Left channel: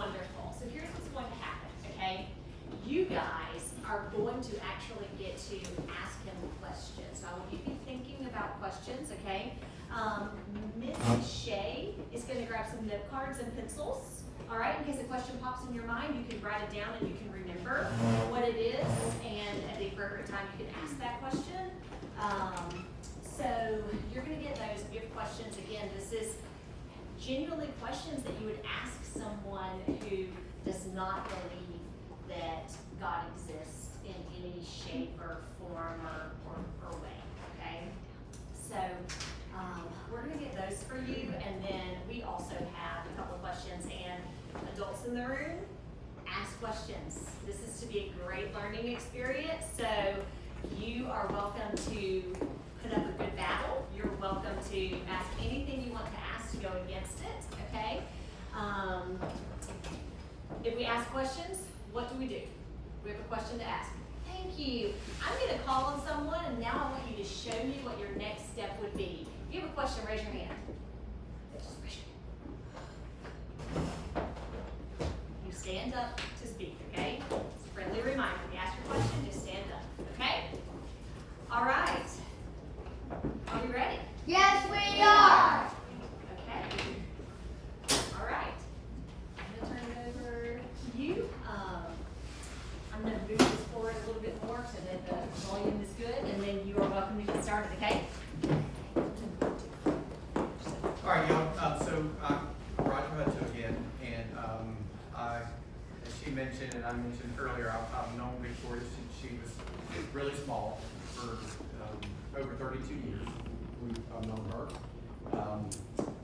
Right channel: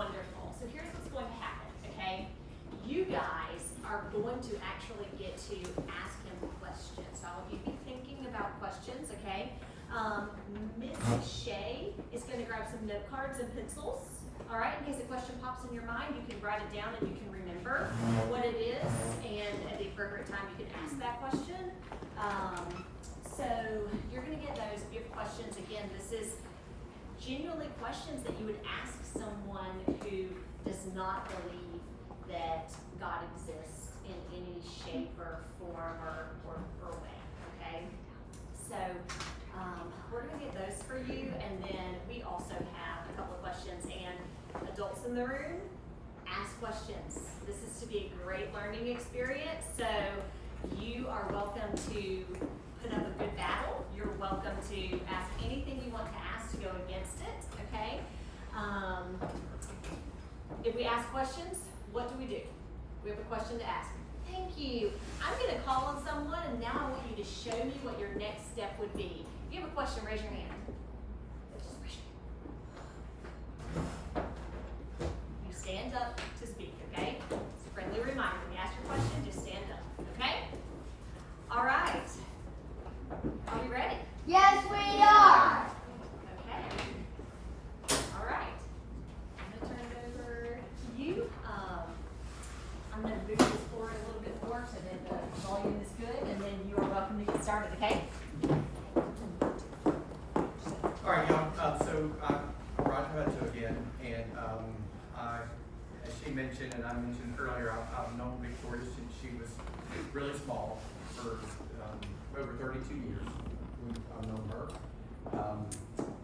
Wonderful. So here's what's going to happen, okay? You guys are going to actually get to ask him questions. So I want you to be thinking about questions, okay? Miss Shay is going to grab some note cards and pencils. All right, in case a question pops in your mind, you can write it down and you can remember what it is, and at the appropriate time you can ask that question. So you're going to get those gift questions. Again, this is genuinely questions that you would ask someone who does not believe that God exists in any shape or form or way, okay? So we're going to get those for you, and then we also have a couple of questions, and adults in the room, ask questions. This is to be a great learning experience, so you are welcome to put up a good battle. You're welcome to ask anything you want to ask to go against it, okay? If we ask questions, what do? We have a question to ask. Thank you. I'm going to call on someone, and now I want you to show me what your next step would be. If you have a question, raise your hand. Just raise your hand. You stand up to speak, okay? It's a friendly reminder. When you ask your question, just stand up, okay? All right. Are we ready? Yes, we are. Okay. All right. I'm going to turn it over to you. I'm going to move this forward a little bit more so that the volume is good, and then you are welcome to get started, okay? All right, y'all. So I'm Roger Hutto again, and as she mentioned and I mentioned earlier, I've known Victoria since she was really small for over 32 years. I've known her,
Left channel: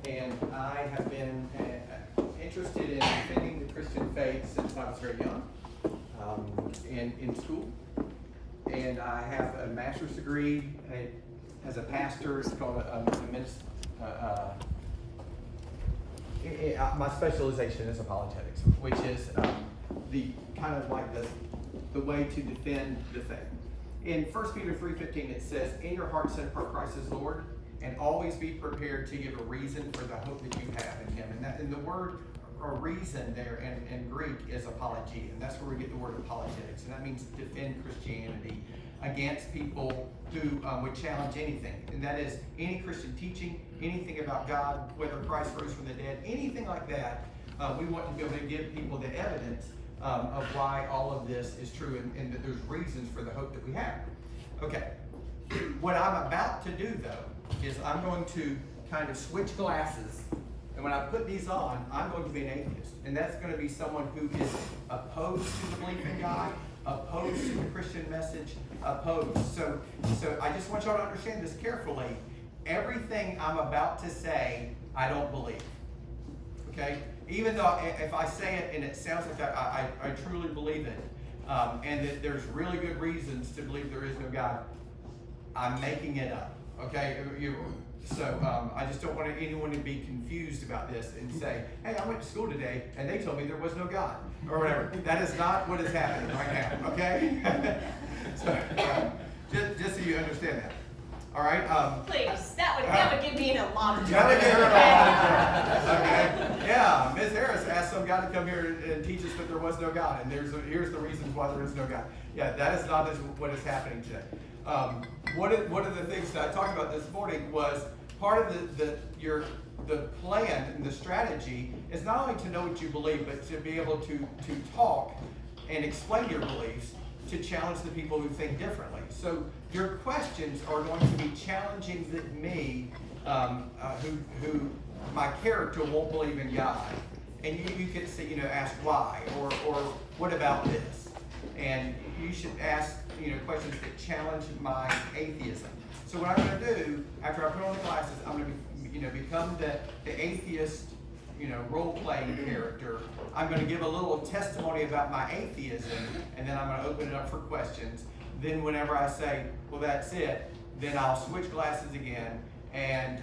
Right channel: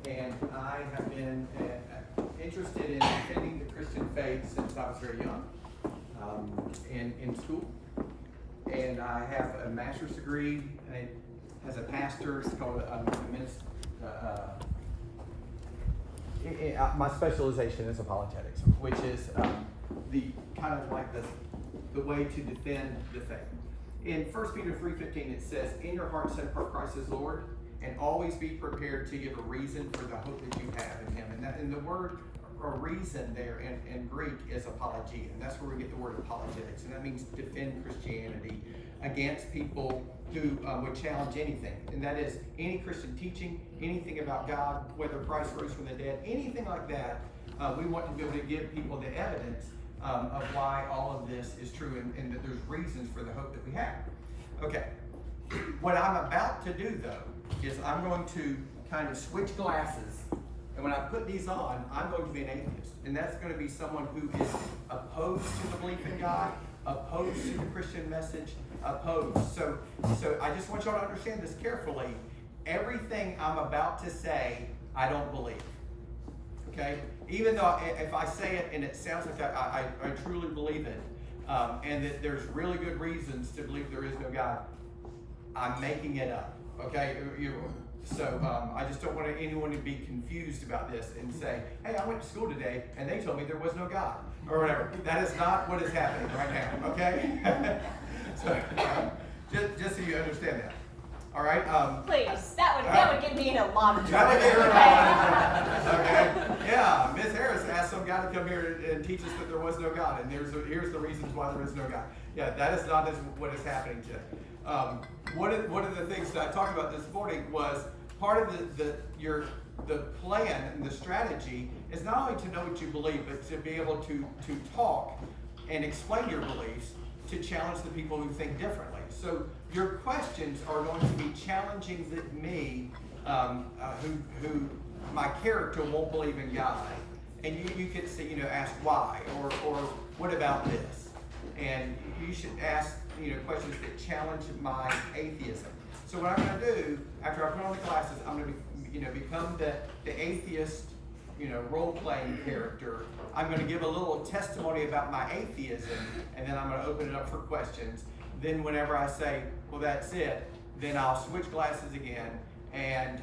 and I have been interested in defending the Christian faith since I was very young, in school, and I have a master's degree as a pastor. It's called my specialization is apologetics, which is the kind of like the way to defend the faith. In 1 Peter 3:15, it says, "In your heart set apart Christ as Lord, and always be prepared to give a reason for the hope that you have in Him." And the word or reason there in Greek is apologia, and that's where we get the word apologetics, and that means defend Christianity against people who would challenge anything, and that is any Christian teaching, anything about God, whether Christ rose from the dead, anything like that. We want to be able to give people the evidence of why all of this is true, and that there's reasons for the hope that we have. Okay, what I'm about to do though is I'm going to kind of switch glasses, and when I put these on, I'm going to be an atheist, and that's going to be someone who is opposed to the belief in God, opposed to the Christian message, opposed. So I just want y'all to understand this carefully. Everything I'm about to say, I don't believe. Okay? Even though if I say it and it sounds like I truly believe it, and that there's really good reasons to believe there is no God, I'm making it up. Okay? So I just don't want anyone to be confused about this and say, "Hey, I went to school today and they told me there was no God," or whatever. That is not what is happening right now. Okay? So just so you understand that. All right. Please, that would get me in a lot of trouble. That would get her in a lot of trouble. Okay. Yeah. Miss Harris asked some guy to come here and teach us that there was no God, and here's the reasons why there is no God. Yeah, that is not what is happening today. One of the things that I talked about this morning was part of the plan and the strategy is not only to know what you believe, but to be able to talk and explain your beliefs to challenge the people who think differently. So your questions are going to be challenging me, who my character won't believe in God, and you could say, ask why or what about this, and you should ask questions that challenge my atheism. So what I'm going to do after I put on the glasses, I'm going to become the atheist, role-playing character. I'm going to give a little testimony about my atheism, and then I'm going to open it up for questions. Then whenever I say, well, that's it, then I'll switch glasses again, and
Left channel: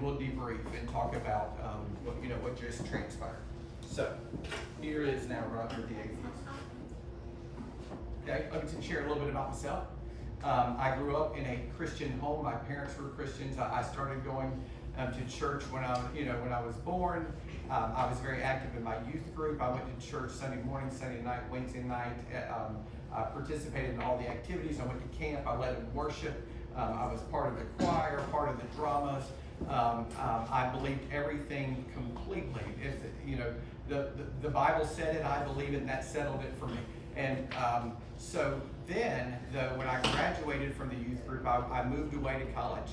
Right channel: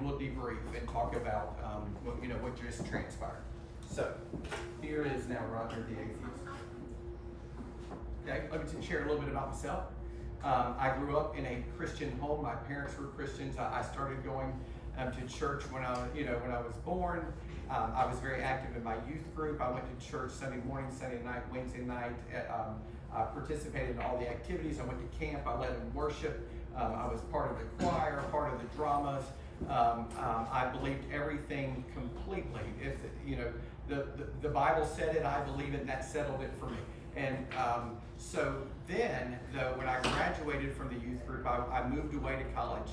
we'll debrief and talk about what just transpired. So here is now Roger the atheist. Okay, I can share a little bit about myself. I grew up in a Christian home. My parents were Christians. I started going to church when I was born. I was very active in my youth group. I went to church Sunday morning, Sunday night, Wednesday night. I participated in all the activities. I went to camp. I led in worship. I was part of the choir, part of the dramas. I believed everything completely. If the Bible said it, I believe it, and that settled it for me. And so then, though, when I graduated from the youth group, I moved away to college.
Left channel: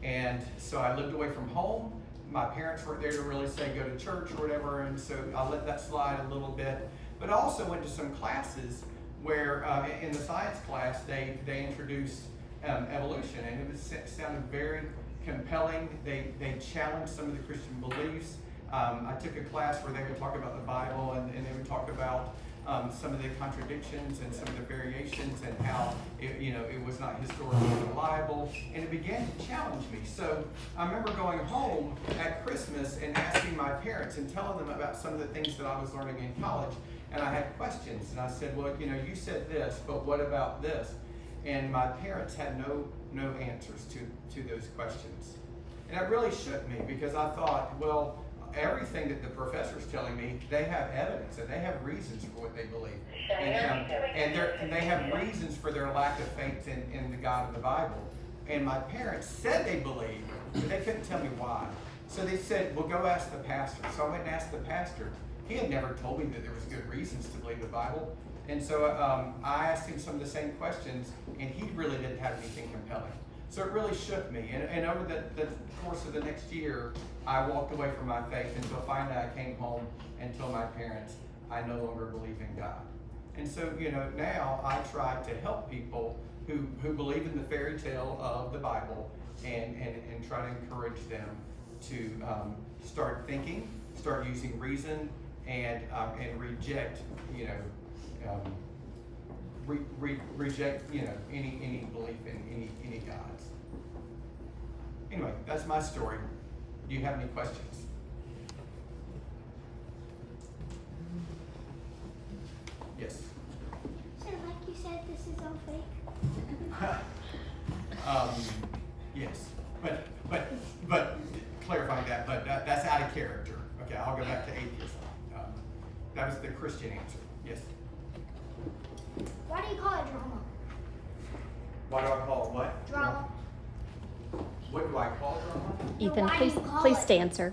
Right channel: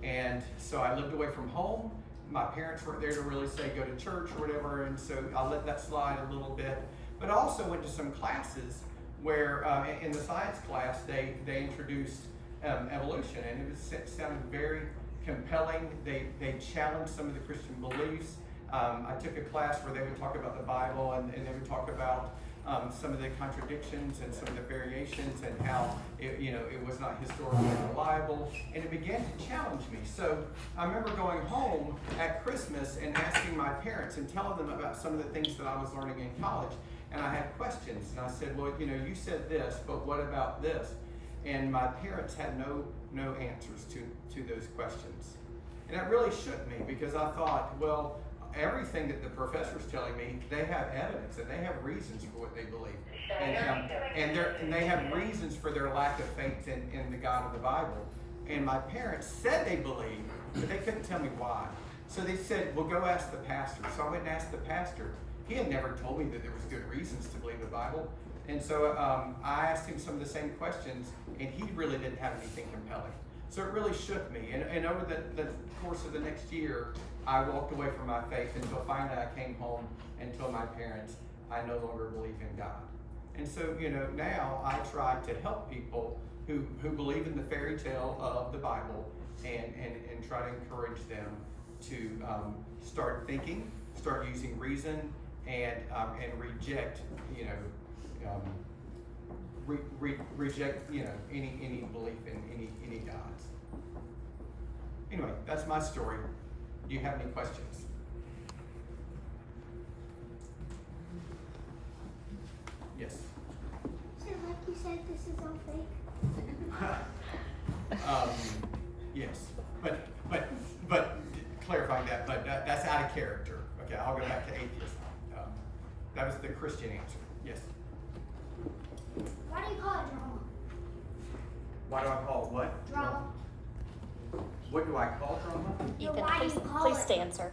And so I lived away from home. My parents weren't there to really say go to church or whatever, and so I let that slide a little bit. But I also went to some classes where, in the science class, they introduced evolution, and it sounded very compelling. They challenged some of the Christian beliefs. I took a class where they would talk about the Bible, and they would talk about some of the contradictions and some of the variations, and how it was not historically reliable, and it began to challenge me. So I remember going home at Christmas and asking my parents and telling them about some of the things that I was learning in college, and I had questions, and I said, well, you said this, but what about this? And my parents had no answers to those questions, and it really shook me, because I thought, well, everything that the professor's telling me, they have evidence and they have reasons for what they believe, and they have reasons for their lack of faith in the God of the Bible. And my parents said they believed, but they couldn't tell me why. So they said, well, go ask the pastor. So I went and asked the pastor. He had never told me that there was good reasons to believe the Bible. And so I asked him some of the same questions, and he really didn't have anything compelling. So it really shook me. And over the course of the next year, I walked away from my faith until finally I came home and told my parents I no longer believe in God. And so, now I try to help people who believe in the fairy tale of the Bible, and try to encourage them to start thinking, start using reason, and reject, reject, any belief in any gods. Anyway, that's my story. Do you have any questions? Yes. So, like you said, this is all fake? Yes, but clarifying that, but that's out of character. Okay, I'll go back to atheist. That was the Christian answer. Yes. Why do you call it drama? Why do I call it what? Drama. What do I call drama? No, Ethan, why do please, you call please it? answer.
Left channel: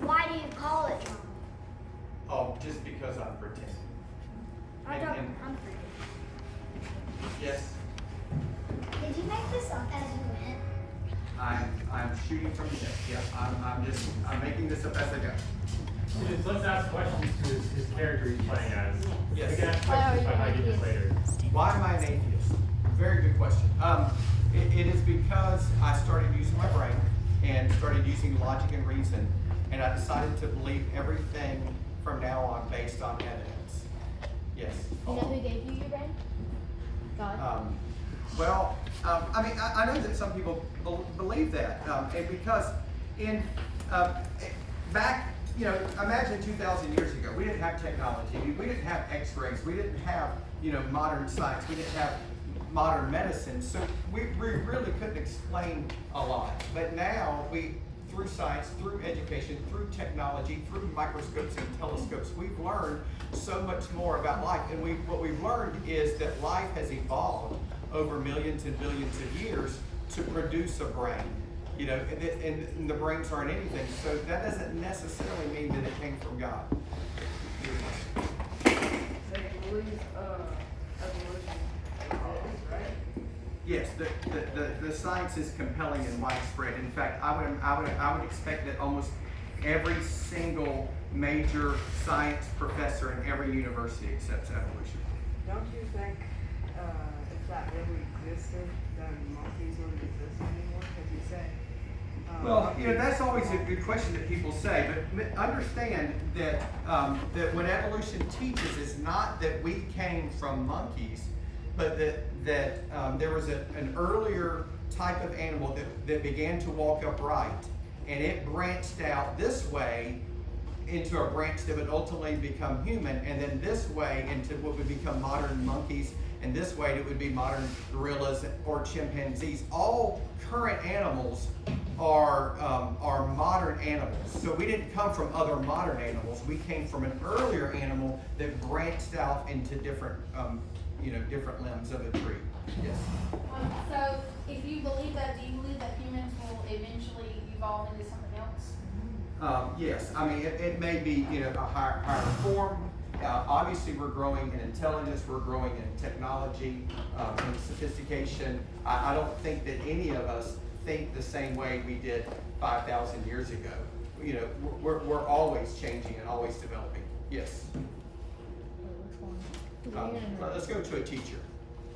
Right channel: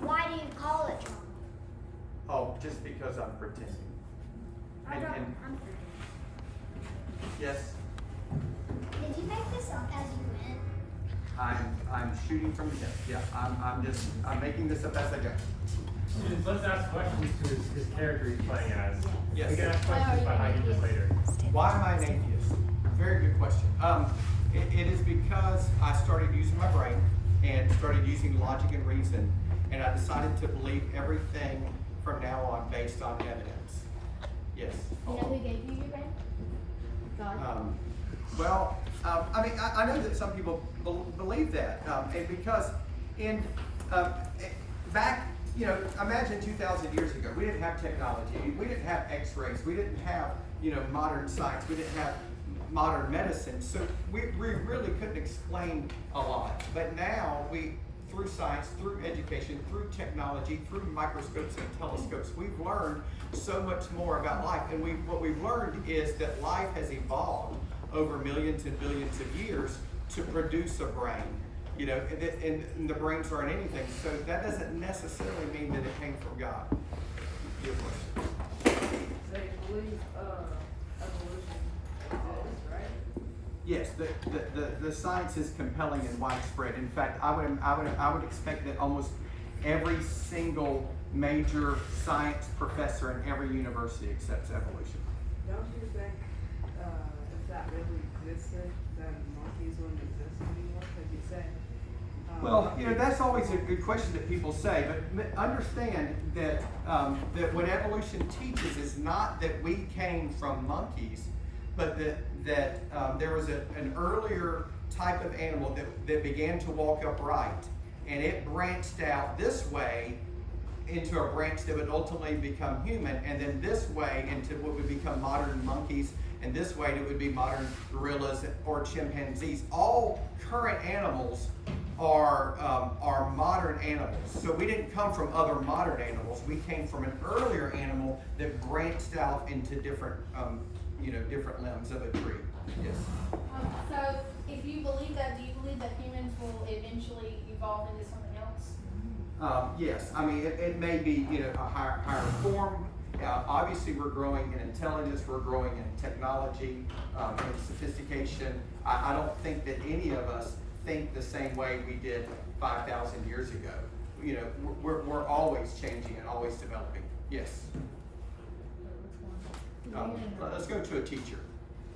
Why do you call it drama? Oh, just because I'm pretending. I don't. And- I'm pretty. Yes, Did you make this up as you went? I'm shooting from the hip. Yeah, I'm making this up as I go. Students, let's ask questions to his character he's playing as. Yes. We can ask Why are questions you about an ideas atheist? later. Why am I an atheist? Very good question. It is because I started using my brain and started using logic and reason, and I decided to believe everything from now on based on evidence. Yes. You know who gave you your brain? God. I know that some people believe that, and because back, imagine 2,000 years ago, we didn't have technology, we didn't have X-rays, we didn't have, modern science, we didn't have modern medicine, so we really couldn't explain a lot. But now through science, through education, through technology, through microscopes and telescopes, we've learned so much more about life. And what we've learned is that life has evolved over millions and billions of years to produce a brain. And the brains aren't anything, so that doesn't necessarily mean that it came from God. Your question. So you believe evolution exists, right? Yes, the science is compelling and widespread. In fact, I would expect that almost every single major science professor in every university accepts evolution. Don't you think if that really existed, then monkeys wouldn't exist anymore? Because you say. Well, that's always a good question that people say, but understand that that what evolution teaches is not that we came from monkeys, but that there was an earlier type of animal that began to walk upright, and it branched out this way into a branch that would ultimately become human, and then this way into what would become modern monkeys, and this way it would be modern gorillas or chimpanzees. All current animals are modern animals. So we didn't come from other modern animals. We came from an earlier animal that branched out into different, different limbs of a tree. Yes. So, if you believe that, do you believe that humans will eventually evolve into something else? Yes. I mean, it may be a higher form. Obviously, we're growing in intelligence. We're growing in technology, in sophistication. I don't think that any of us think the same way we did 5,000 years ago. We're always changing and always developing. Yes. Let's go to a teacher.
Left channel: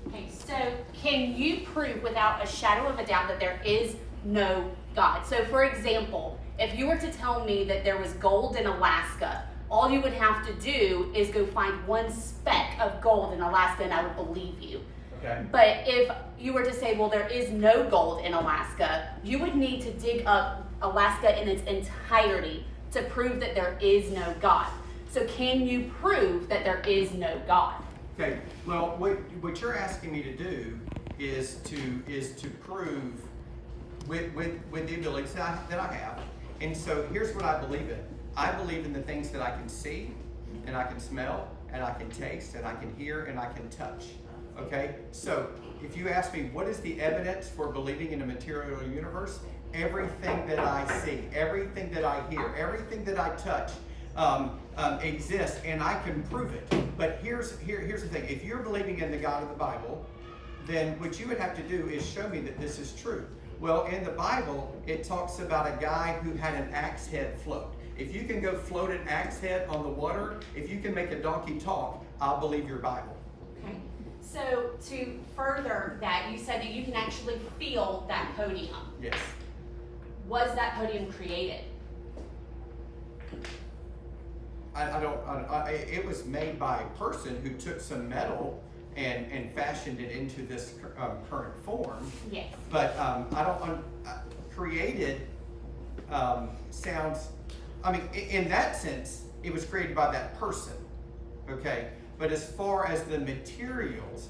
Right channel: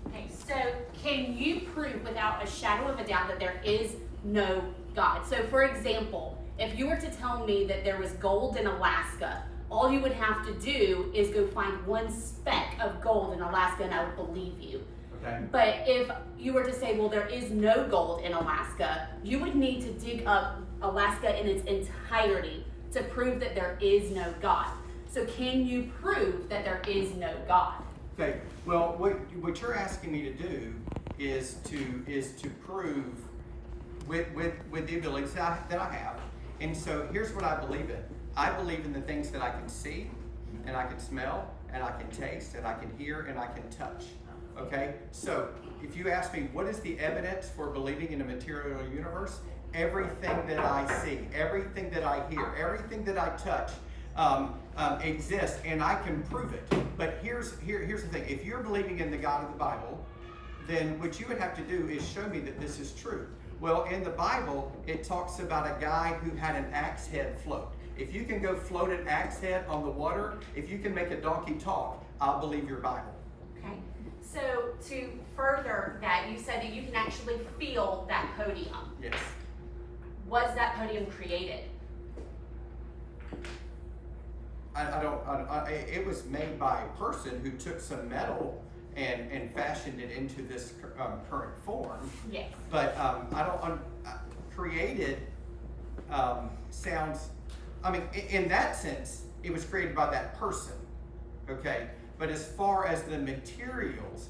Okay, so can you prove without a shadow of a doubt that there is no God? So for example, if you were to tell me that there was gold in Alaska, all you would have to do is go find one speck of gold in Alaska and I would believe you. Okay. But if you were to say, well, there is no gold in Alaska, you would need to dig up Alaska in its entirety to prove that there is no God. So can you prove that there is no God? Okay. Well, what you're asking me to do is to prove with the abilities that I have. And so here's what I believe in. I believe in the things that I can see, and I can smell, and I can taste, and I can hear, and I can touch. Okay? So if you ask me what is the evidence for believing in a material universe, everything that I see, everything that I hear, everything that I touch exists, and I can prove it. But here's the thing. If you're believing in the God of the Bible, then what you would have to do is show me that this is true. Well, in the Bible, it talks about a guy who had an axe head float. If you can go float an axe head on the water, if you can make a donkey talk, I'll believe your Bible. Okay. So to further that, you said that you can actually feel that podium. Yes. Was that podium created? It was made by a person who took some metal and fashioned it into this current form. Yes. But created sounds, I mean, in that sense, it was created by that person, okay? But as far as the materials,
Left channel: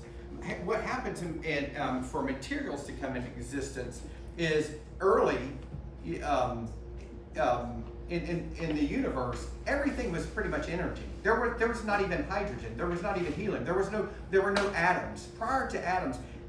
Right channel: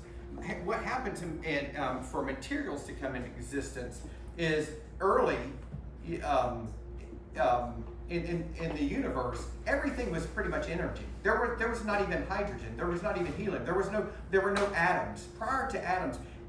what happens for materials to come into existence is early in the universe, everything was pretty much energy. There was not even hydrogen. There was not even helium. There were no atoms. Prior to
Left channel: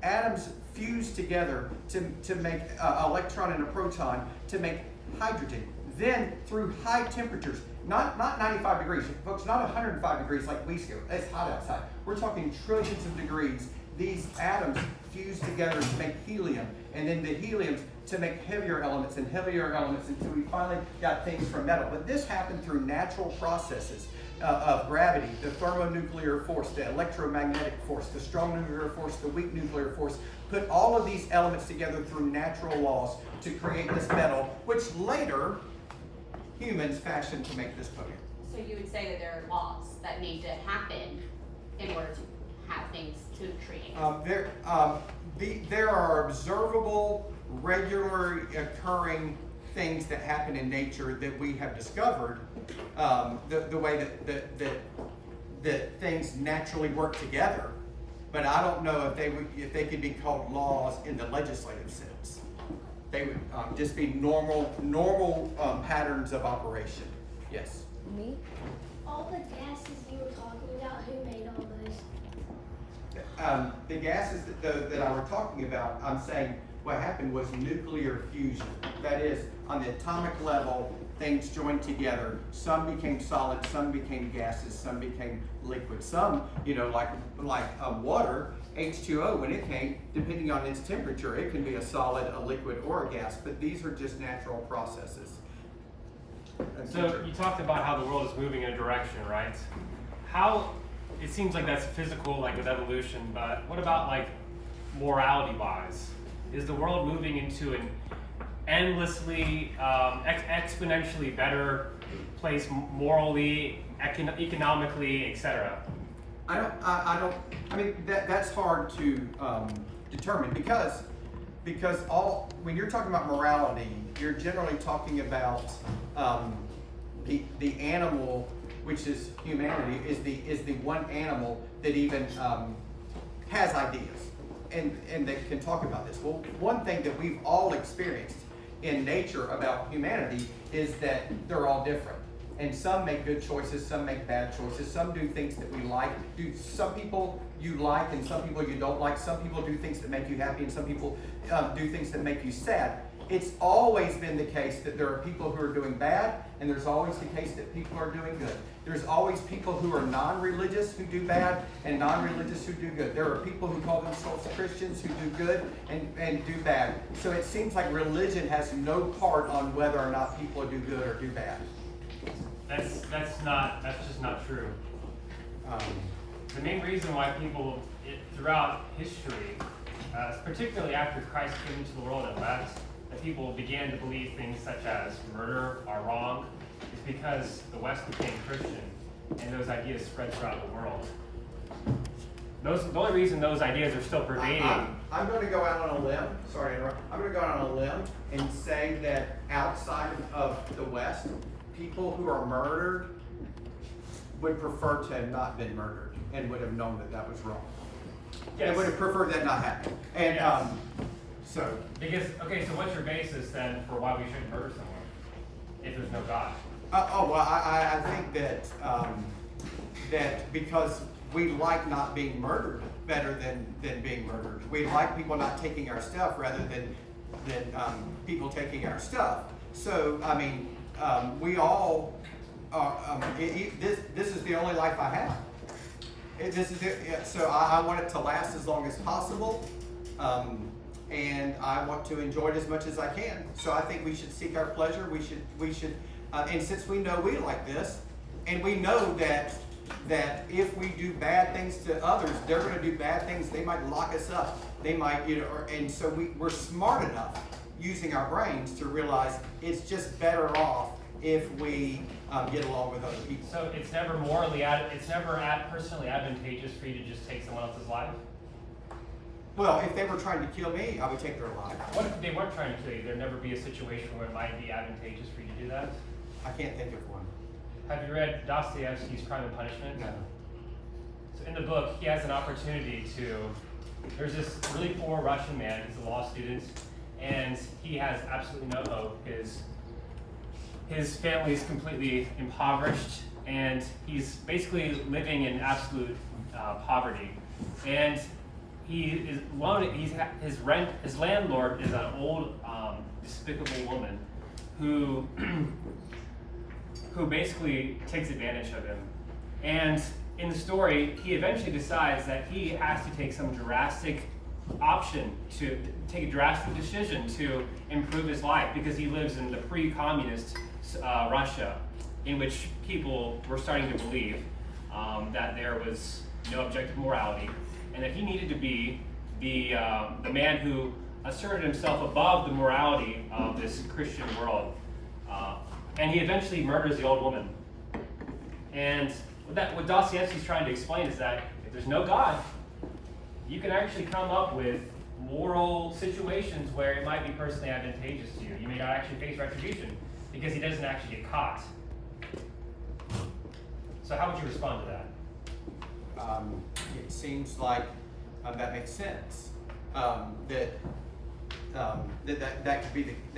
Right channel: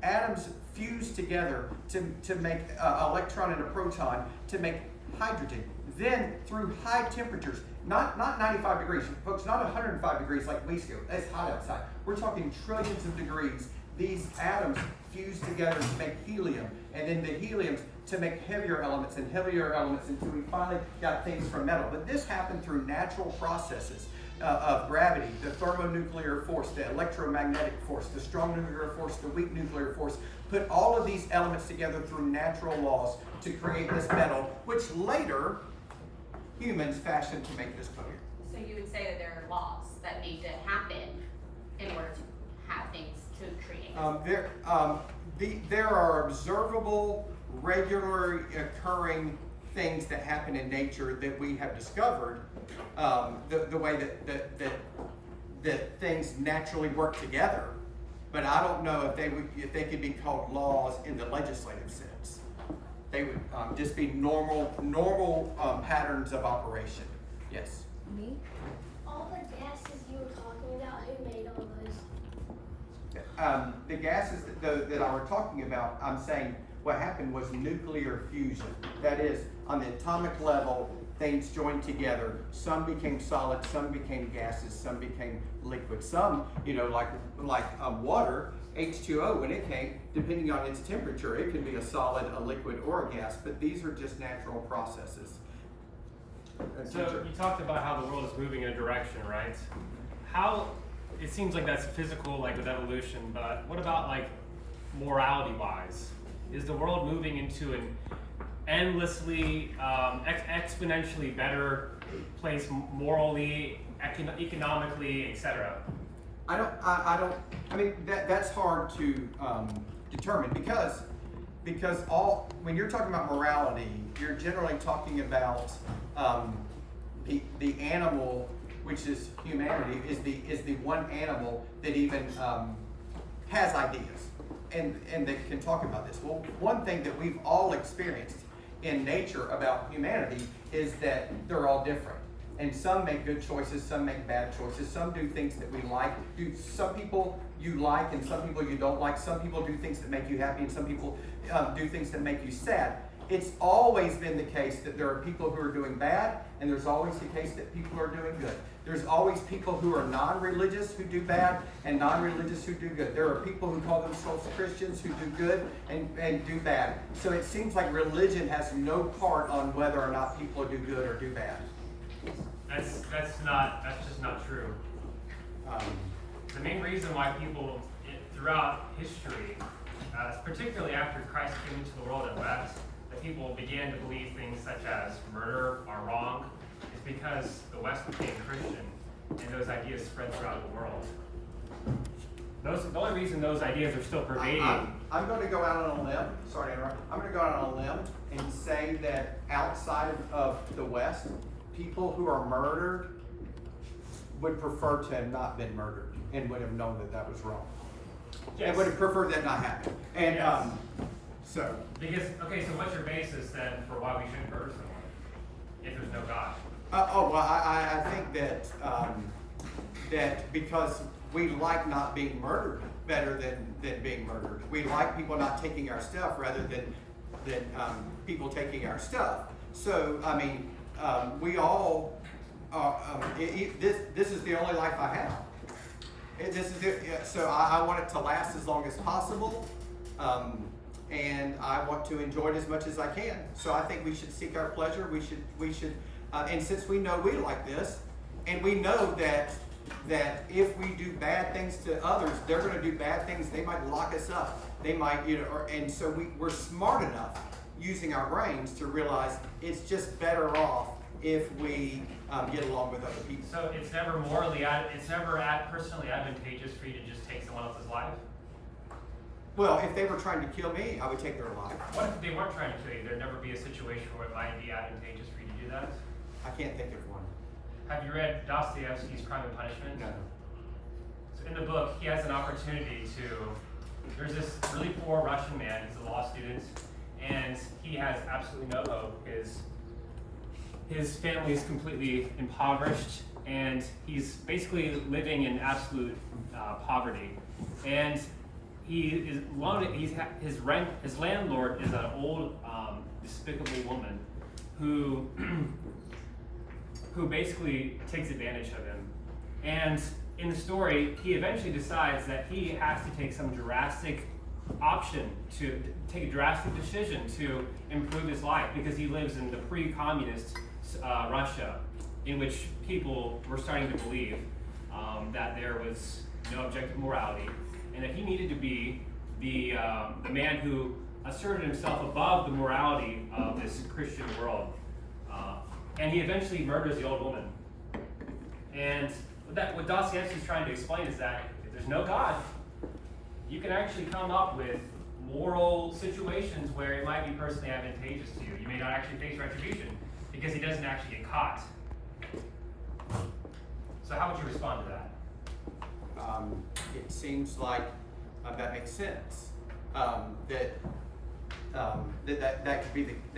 atoms fused together to make an electron and a proton to make hydrogen. Then through high temperatures, not 95 degrees, folks, not 105 degrees like we go. It's hot outside. We're talking trillions of degrees. These atoms fused together to make helium, and then the heliums to make heavier elements and heavier elements until we finally got things from metal. But this happened through natural processes of gravity, the thermonuclear force, the electromagnetic force, the strong nuclear force, the weak nuclear force. Put all of these elements together through natural laws to create this metal, which later humans fashioned to make this podium. So you would say that there are laws that need to happen in order to have things to create? There are observable, regularly occurring things that happen in nature that we have discovered, the way that things naturally work together. But I don't know if they could be called laws in the legislative sense. They would just be normal patterns of operation. Yes. Me? All the gases you were talking about, who made all those? The gases that I were talking about, I'm saying what happened was nuclear fusion. That is, on the atomic level, things joined together. Some became solid, some became gases, some became liquid. Some, like water, H2O, when it came, depending on its temperature, it can be a solid, a liquid, or a gas, but these are just natural processes. So you talked about how the world is moving in a direction, right? It seems like that's physical, like with evolution, but what about like morality-wise? Is the world moving into an endlessly, exponentially better place morally, economically, etc.? I mean, that's hard to determine because when you're talking about morality, you're generally talking about the animal, which is humanity, is the one animal that even has ideas and that can talk about this. Well, one thing that we've all experienced in nature about humanity is that they're all different. And some make good choices, some make bad choices, some do things that we like. Some people you like and some people you don't like. Some people do things that make you happy and some people do things that make you sad. It's always been the case that there are people who are doing bad, and there's always the case that people are doing good. There's always people who are non-religious who do bad and non-religious who do good. There are people who call themselves Christians who do good and do bad. So it seems like religion has no part on whether or not people do good or do bad. That's just not true. The main reason why people throughout history, particularly after Christ came into the world and left, that people began to believe things such as murder are wrong, is because the West became Christian and those ideas spread throughout the world. The only reason those ideas are still pervading. I'm going to go out on a limb. Sorry to interrupt. I'm going to go out on a limb in saying that outside of the West, people who are murdered would prefer to have not been murdered and would have known that that was wrong. Yes. And would have preferred that not happen. And Yes. so. Because, okay, so what's your basis then for why we shouldn't murder someone if there's no God? Well, I think that that because we like not being murdered better than being murdered. We like people not taking our stuff rather than people taking our stuff. So I mean, we all this is the only life I have. So I want it to last as long as possible. And I want to enjoy it as much as I can. So I think we should seek our pleasure. We should, and since we know we like this, and we know that if we do bad things to others, they're going to do bad things. They might lock us up. They might, and so we're smart enough using our brains to realize it's just better off if we get along with other people. So it's never personally advantageous for you to just take someone else's life? Well, if they were trying to kill me, I would take their life. What if they weren't trying to kill you? There'd never be a situation where it might be advantageous for you to do that? I can't think of one. Have you read Dostoevsky's Crime and Punishment? No. So in the book, he has an opportunity there's this really poor Russian man, he's a law student, and he has absolutely no hope. His family is completely impoverished, and he's basically living in absolute poverty. And his landlord is an old, despicable woman who basically takes advantage of him. And in the story, he eventually decides that he has to take some drastic take a drastic decision to improve his life, because he lives in the pre-communist Russia, in which people were starting to believe that there was no objective morality, and that he needed to be the man who asserted himself above the morality of this Christian world. And he eventually murders the old woman. And what Dostoevsky's trying to explain is that if there's no God, you can actually come up with moral situations where it might be personally advantageous to you. You may not actually face retribution because he doesn't actually get caught. So how would you respond to that? It seems like that makes sense. That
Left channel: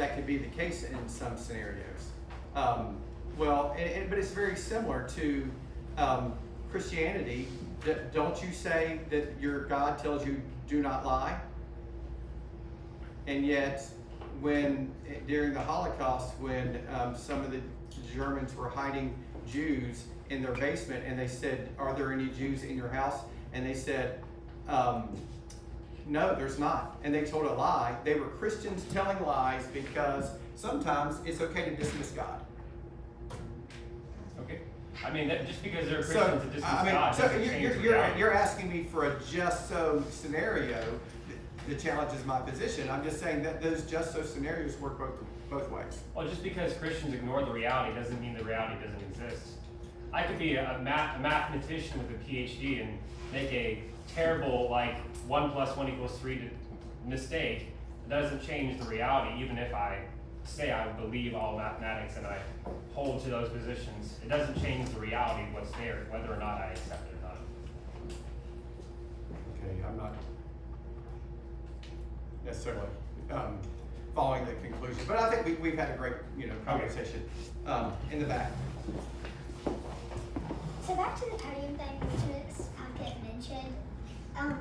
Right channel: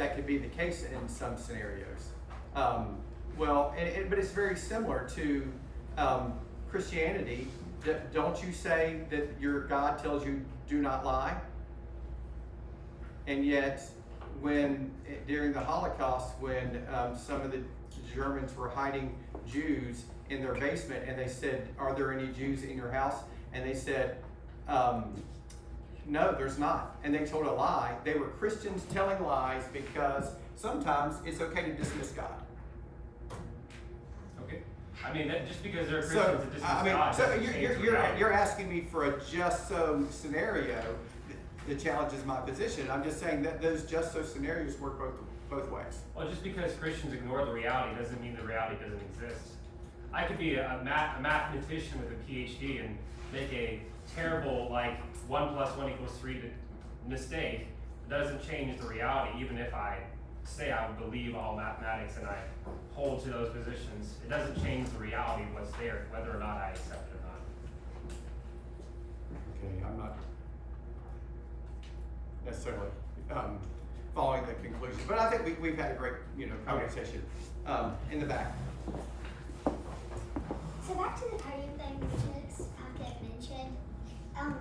could be the case in some scenarios. But it's very similar to Christianity. Don't you say that your God tells you do not lie? And yet, during the Holocaust, when some of the Germans were hiding Jews in their basement, and they said, "Are there any Jews in your house?" And they said, "No, there's not." And they told a lie. They were Christians telling lies because sometimes it's okay to dismiss God. Okay. I mean, just because they're Christians, it just You're asking me for a just so scenario that challenges my position. I'm just saying that those just so scenarios work both ways. Well, just because Christians ignore the reality doesn't mean the reality doesn't exist. I could be a mathematician with a PhD and make a terrible 1 + 1 = 3 mistake. It doesn't change the reality, even if I say I believe all mathematics and I hold to those positions. It doesn't change the reality of what's there, whether or not I accept it or not. Okay, I'm not necessarily following the conclusion. But I think we've had a great, conversation in the back. So back to the podium thing, which get mentioned.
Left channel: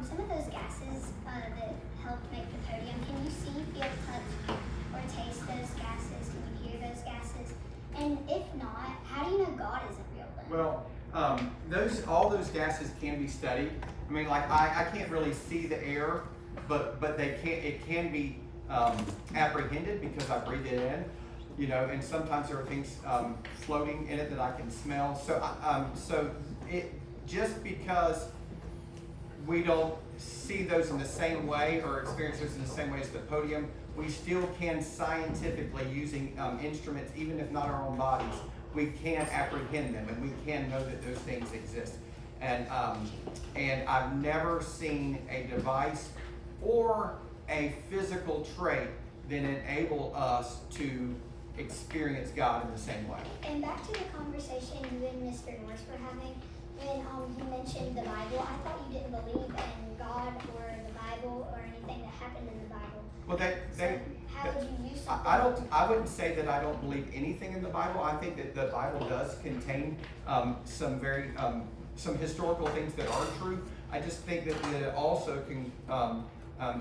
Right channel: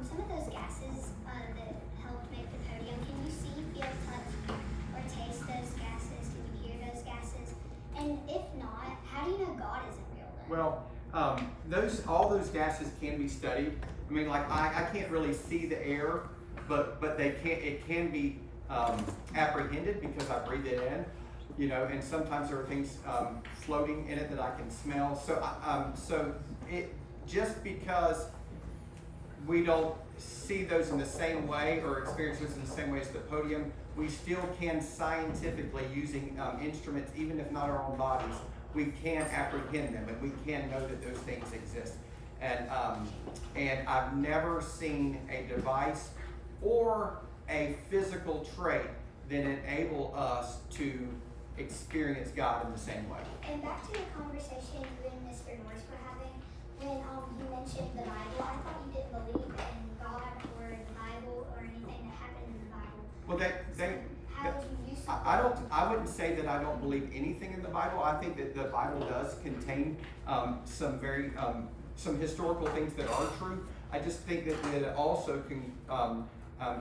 Some of those gases that helped make the podium, can you see, feel, touch, or taste those gases? Can you hear those gases? And if not, how do you know God isn't real then? Well, all those gases can be studied. I mean, like I can't really see the air, but it can be apprehended because I breathe it in, and sometimes there are things floating in it that I can smell. So it just because we don't see those in the same way or experience those in the same way as the podium, we still can scientifically, using instruments, even if not our own bodies, we can apprehend them and we can know that those things exist. And I've never seen a device or a physical trait that enable us to experience God in the same way. And back to the conversation you and Mr. Norris were having, when you mentioned the Bible, I thought you didn't believe in God or the Bible or anything that happened in the Bible. Well, How would you use I wouldn't say that I don't believe anything in the Bible. I think that the Bible does contain some very some historical things that are true. I just think that it also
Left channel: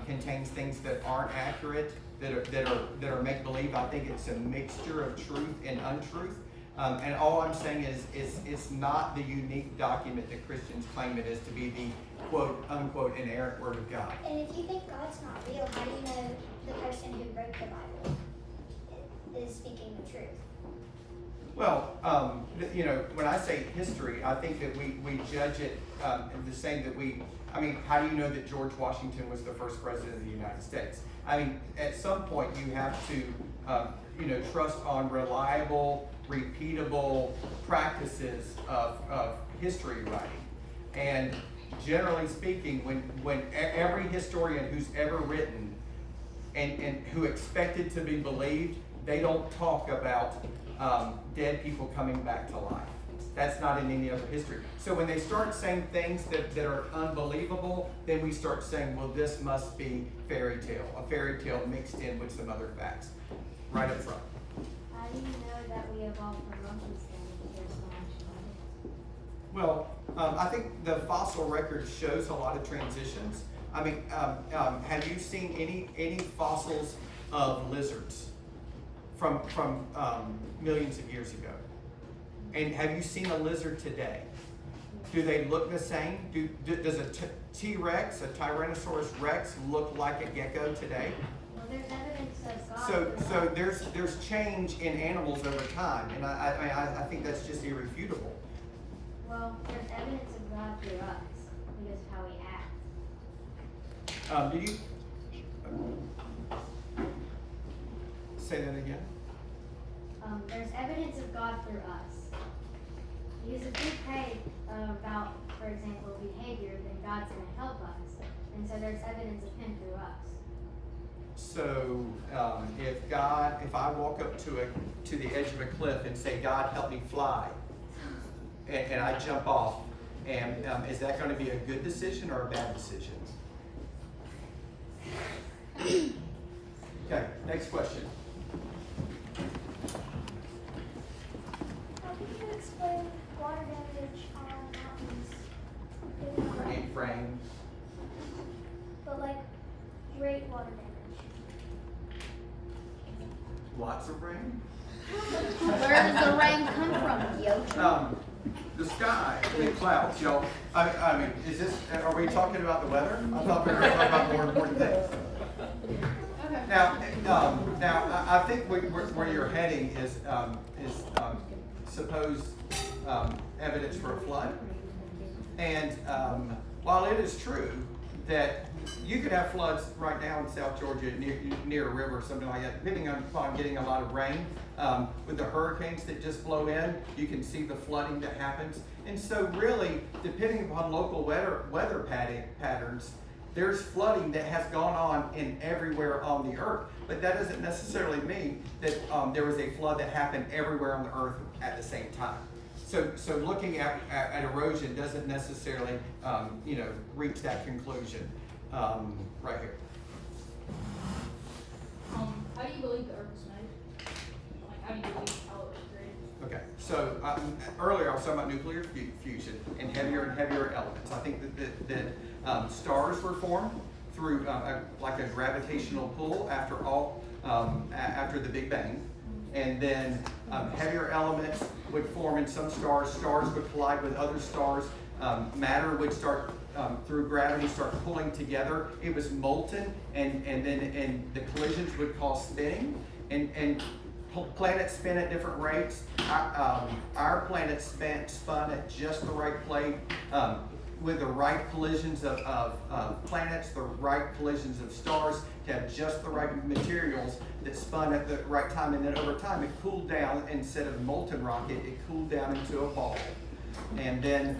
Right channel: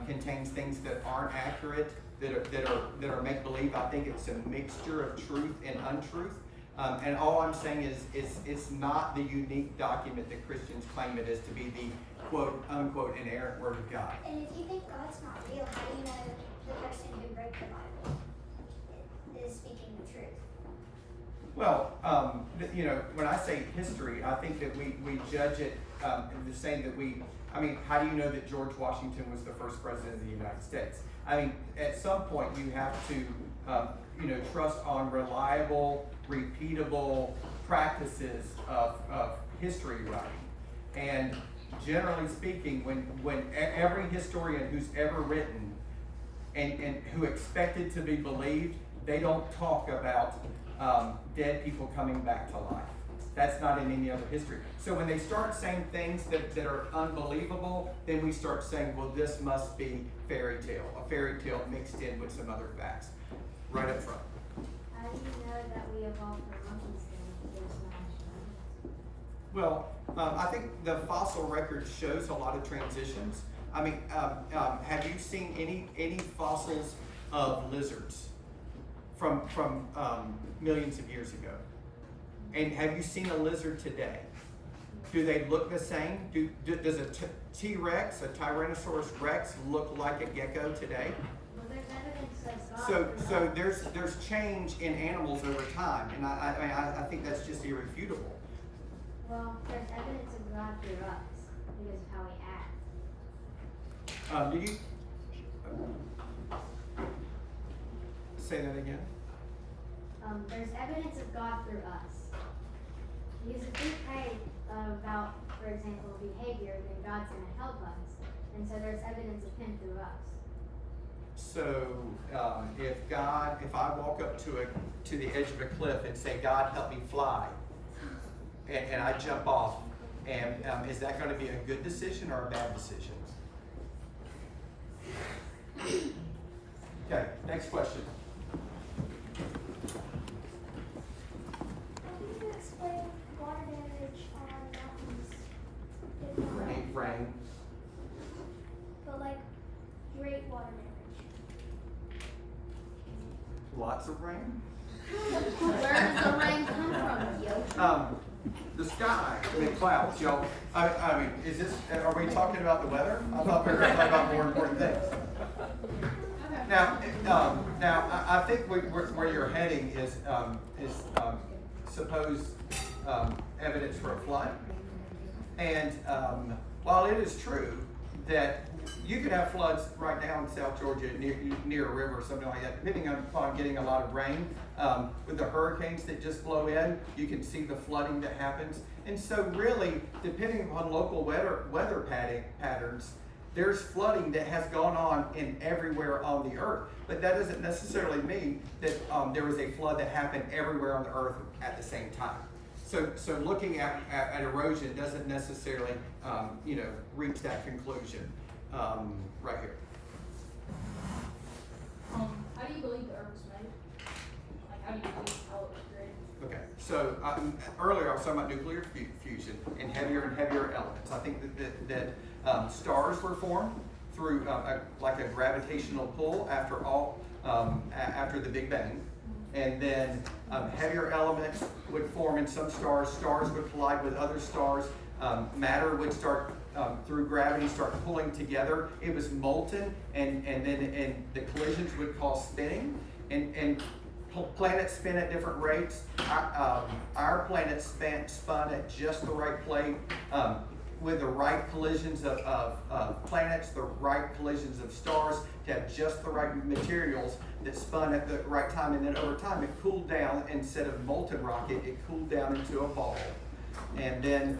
contains things that aren't accurate, that are make believe. I think it's a mixture of truth and untruth. And all I'm saying is it's not the unique document that Christians claim it is to be, the quote unquote inerrant word of God. And if you think God's not real, how do you know the person who wrote the Bible is speaking the truth? Well, when I say history, I think that we judge it the same that how do you know that George Washington was the first president of the United States? I mean, at some point you have to, trust on reliable, repeatable practices of history writing. And generally speaking, when every historian who's ever written and who expected to be believed, they don't talk about dead people coming back to life. That's not in any other history. So when they start saying things that are unbelievable, then we start saying, well, this must be a fairy tale mixed in with some other facts. Right up front. How do you know that we evolved from monkeys then if there's no actual evidence? Well, I think the fossil record shows a lot of transitions. I mean, have you seen any fossils of lizards from millions of years ago? And have you seen a lizard today? Do they look the same? Does a T-Rex, a Tyrannosaurus Rex, look like a gecko today? Well, there's evidence of God. So there's change in animals over time, and I think that's just irrefutable. Well, there's evidence of God through us because of how we act. Do you say that again? There's evidence of God through us. Because if we pray about, for example, behavior, then God's going to help us. And so there's evidence of Him through us. So if I walk up to the edge of a cliff and say, God, help me fly, and I jump off, and is that going to be a good decision or a bad decision? Okay, next question. How do you explain water damage on mountains? I need rain. But great water damage. Lots of rain. Where does the rain come from, yo? The sky, the clouds, y'all. I mean, are we talking about the weather? I thought we were talking about more important things. Now, I think where you're heading is supposed evidence for a flood. And while it is true that you could have floods right now in South Georgia near a river or something like that, depending upon getting a lot of rain. With the hurricanes that just blow in, you can see the flooding that happens. And so really, depending upon local weather patterns, there's flooding that has gone on in everywhere on the earth. But that doesn't necessarily mean that there was a flood that happened everywhere on the earth at the same time. So looking at erosion doesn't necessarily reach that conclusion right here. How do so earlier I was talking about nuclear fusion and heavier elements. I think that stars were formed through like a gravitational pull after the Big Bang. And then heavier elements would form in some stars. Stars would collide with other stars. Matter would start through gravity start pulling together. It was molten, and the collisions would cause spinning. And planets spin at different rates. Our planet spun at just the right plane, with the right collisions of planets, the right collisions of stars, to have just the right materials that spun at the right time. And then over time it cooled down. Instead of molten rocket, it cooled down into a ball. And then